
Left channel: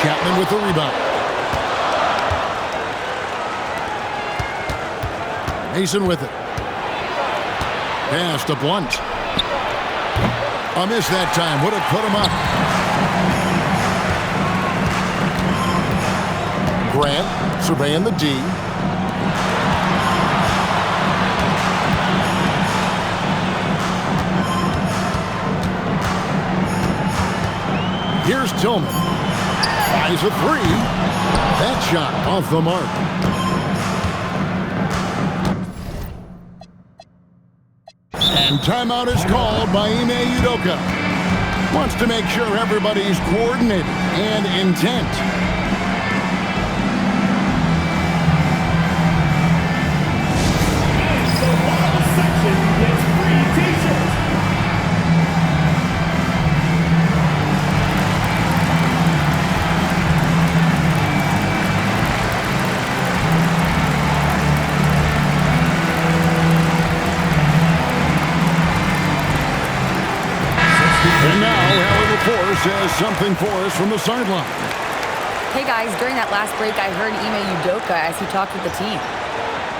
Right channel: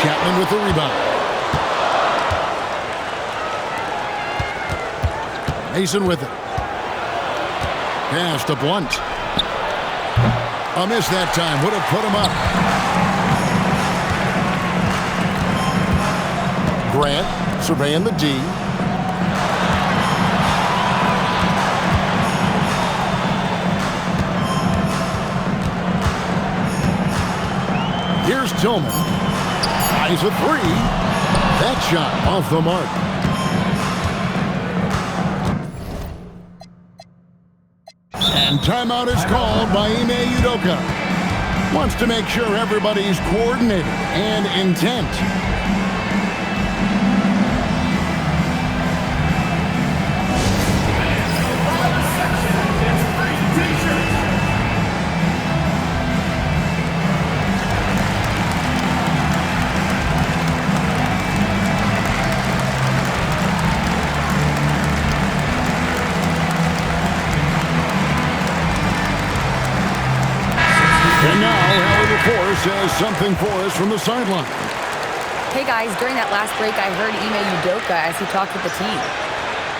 Chapman with the rebound. Mason with it. Pass to Blunt. A miss that time. Would have put him up. Grant surveying the D. Here's Tillman. Tries a 3. That shot off the mark. And timeout is called by Ime Udoka. Wants to make sure everybody's coordinated and intent. And now, Allie LaForce has something for us from the sideline. Hey guys, during that last break, I heard Ime Udoka as he talked with the team.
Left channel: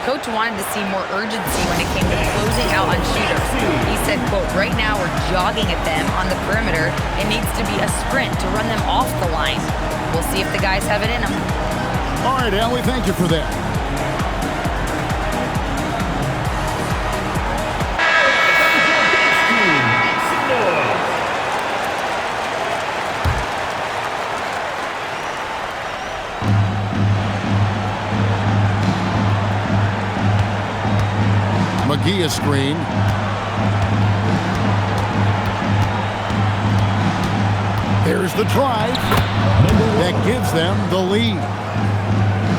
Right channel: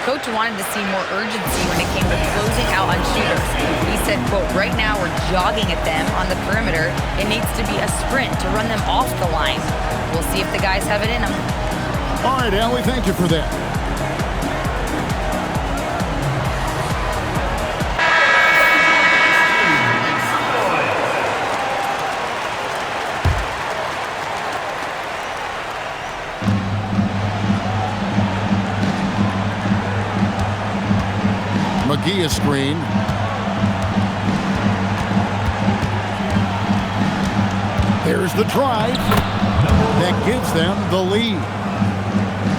Coach wanted to see more urgency when it came to closing out on shooters. He said, quote, right now we're jogging at them on the perimeter. It needs to be a sprint to run them off the line. We'll see if the guys have it in them. All right, Allie, thank you for that. McGee a screen. There's the drive. That gives them the lead.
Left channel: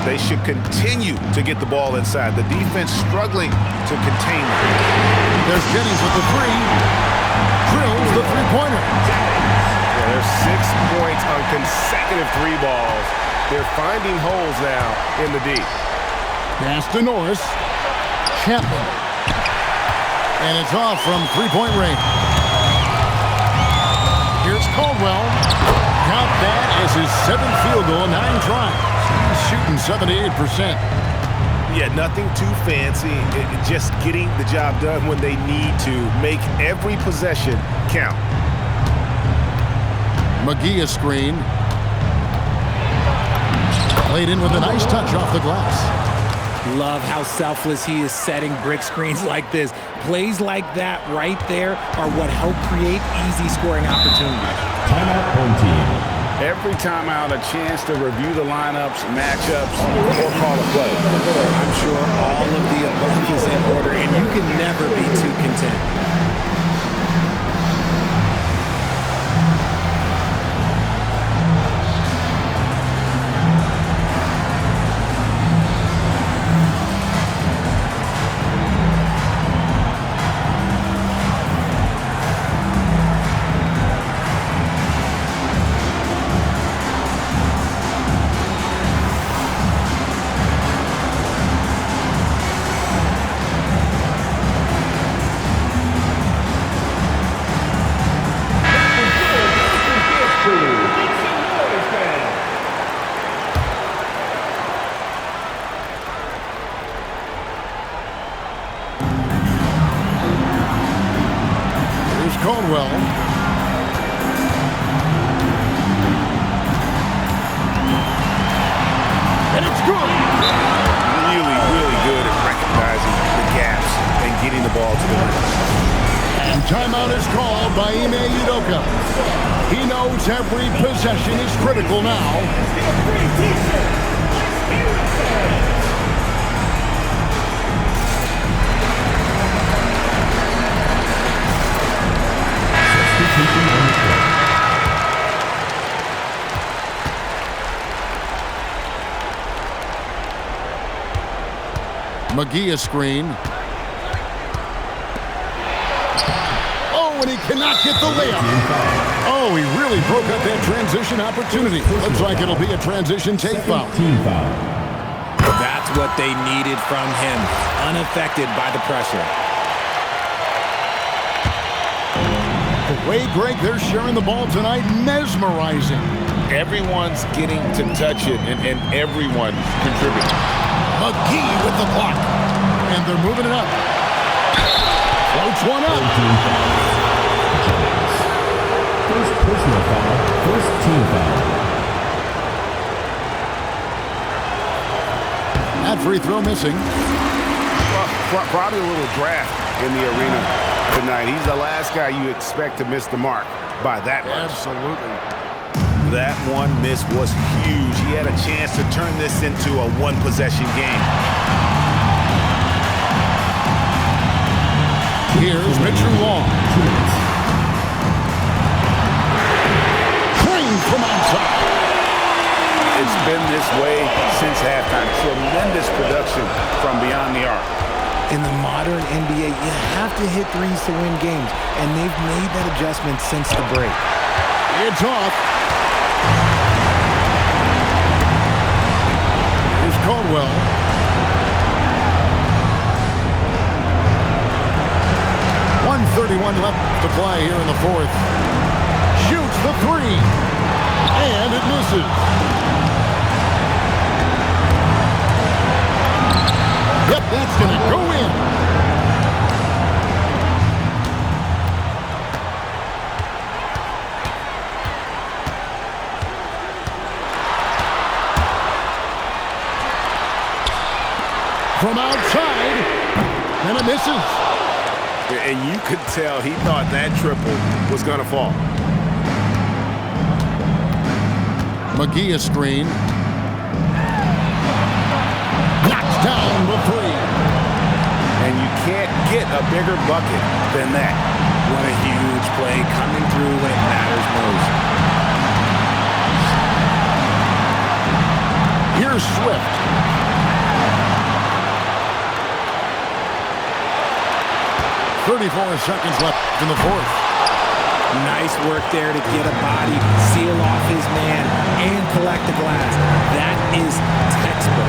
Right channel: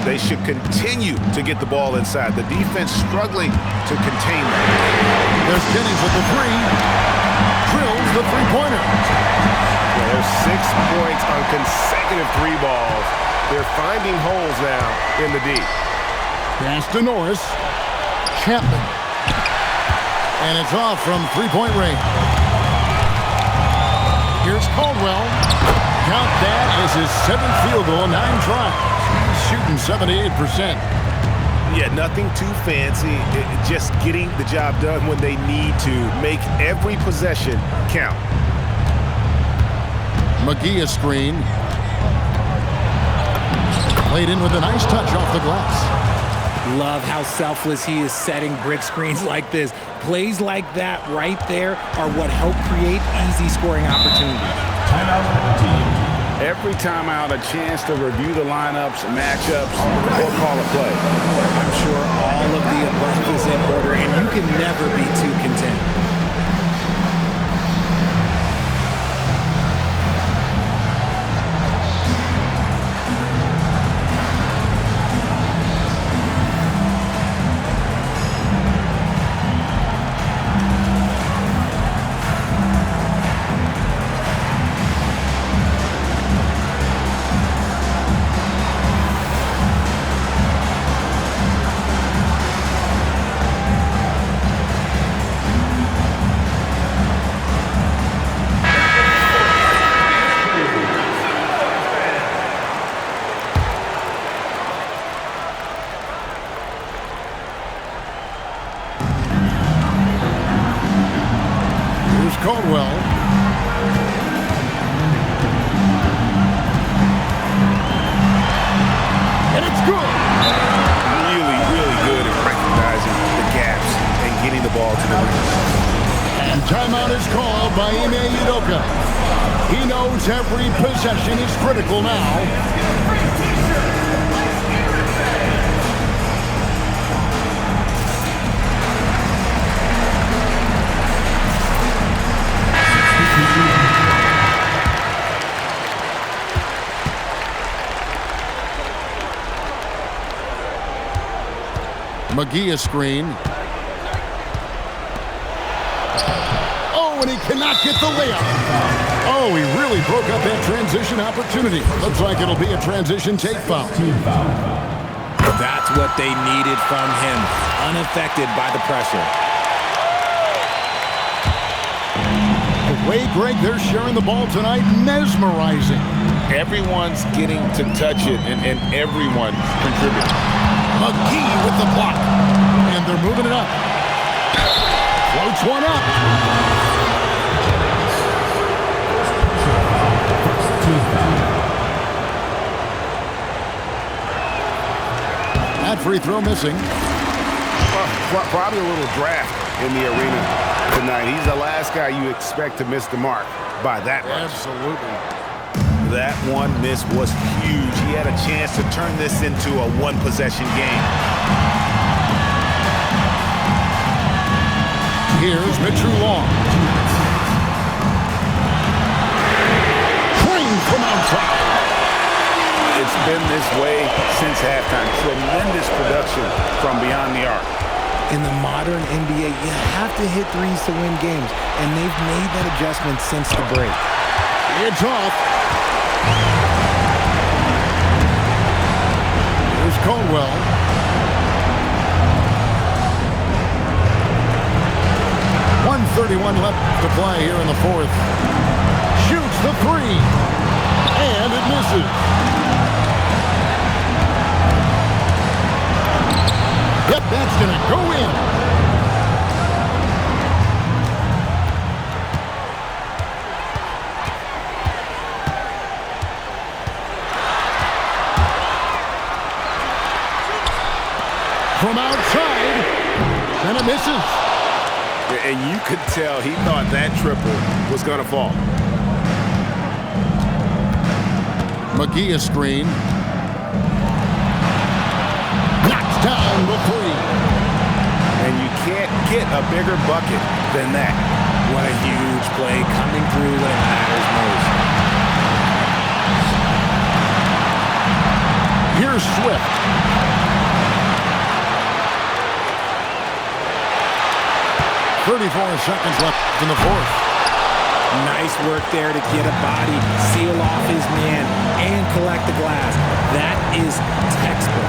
They should continue to get the ball inside. The defense struggling to contain them. There's Jennings with the 3. Drills the three-pointer. Yeah, there's 6 points on consecutive 3 balls. They're finding holes now in the D. Pass to Norris. Chapman. And it's off from three-point range. Here's Caldwell. Count that as his 7th field goal, 9 tries. He's shooting 78%. Yeah, nothing too fancy. Just getting the job done when they need to. Make every possession count. McGee a screen. Played in with a nice touch off the glass. Love how selfless he is setting brick screens like this. Plays like that right there are what help create easy scoring opportunities. Timeout, home team. Every timeout, a chance to review the lineups, matchups, or call a play. I'm sure all of the above is in order, and you can never be too content. Here's Caldwell. And it's good. Really, really good at recognizing the gaps and getting the ball to the rim. And timeout is called by Ime Udoka. He knows every possession is critical now. McGee a screen. Oh, and he cannot get the layup. Oh, he really broke up that transition opportunity. Looks like it'll be a transition take foul. That's what they needed from him. Unaffected by the pressure. The way, Greg, they're sharing the ball tonight, mesmerizing. Everyone's getting to touch it, and everyone's contributing. McGee with the block. And they're moving it up. Floats one up. First personal foul, first team foul. That free throw missing. Well, probably a little draft in the arena tonight. He's the last guy you expect to miss the mark by that much. Absolutely. That one miss was huge. He had a chance to turn this into a one-possession game. Here's Mitchell Long. 2 minutes. Trained from outside. It's been this way since halftime. Tremendous production from beyond the arc. In the modern NBA, you have to hit threes to win games, and they've made that adjustment since the break. It's off. Here's Caldwell. .131 left to play here in the fourth. Shoots the three. And it misses. Yep, that's going to go in. From outside, and it misses. And you could tell he thought that triple was going to fall. McGee a screen. Knocks down the three. And you can't get a bigger bucket than that. What a huge play coming through when it matters most. Here's Swift. .34 seconds left in the fourth. Nice work there to get a body, seal off his man, and collect the glass. That is textbook.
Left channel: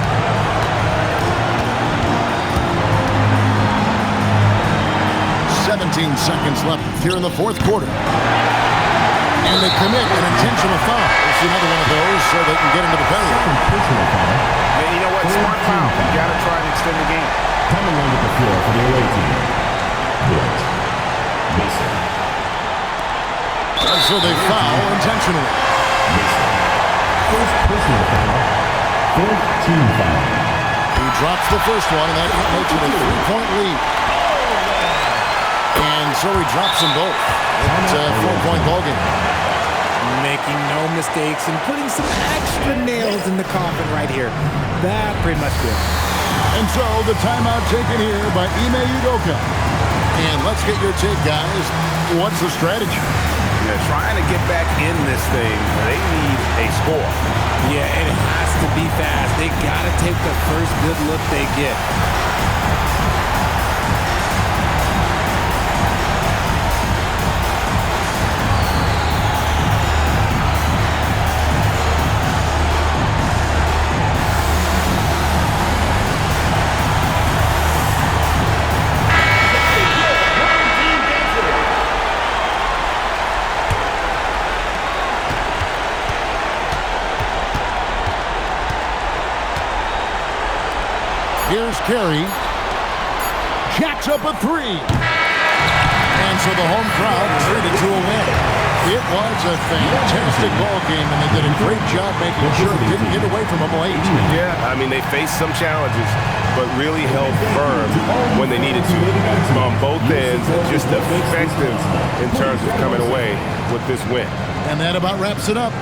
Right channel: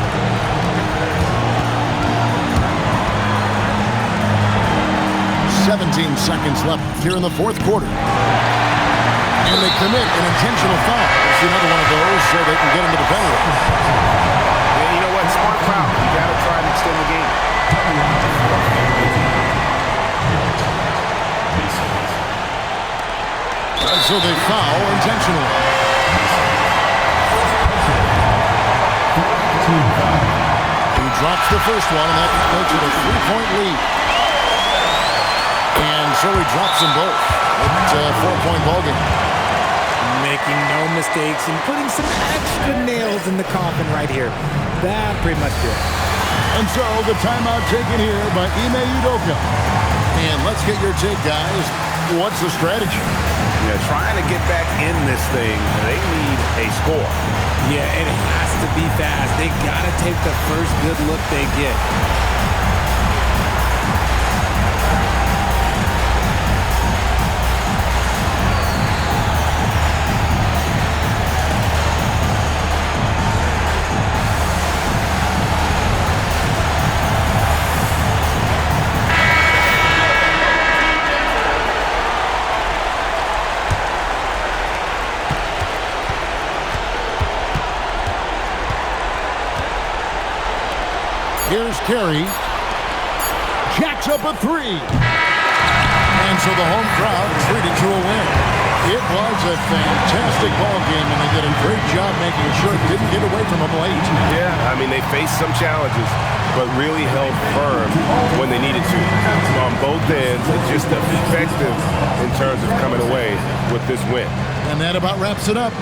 17 seconds left here in the fourth quarter. And they commit an intentional foul. It's another one of those so they can get into the penalty. And you know what? Smart foul. You got to try and extend the game. Coming on with the floor for the away team. Point. Mason. And so they foul intentionally. Mason. First personal foul. Fourth team foul. He drops the first one, and that makes it a 3-point lead. And so he drops them both. It's a 4-point ballgame. Making no mistakes and putting some extra nails in the coffin right here. That pretty much did. And so the timeout taken here by Ime Udoka. And let's get your take, guys. What's the strategy? Yeah, trying to get back in this thing, they need a score. Yeah, it has to be fast. They got to take the first good look they get. Here's Carey. Jacks up a three. And so the home crowd treated to a win. It was a fantastic ball game, and they did a great job making sure it didn't get away from them late. Yeah, I mean, they faced some challenges, but really held firm when they needed to. On both ends, just effective in terms of coming away with this win. And that about wraps it up.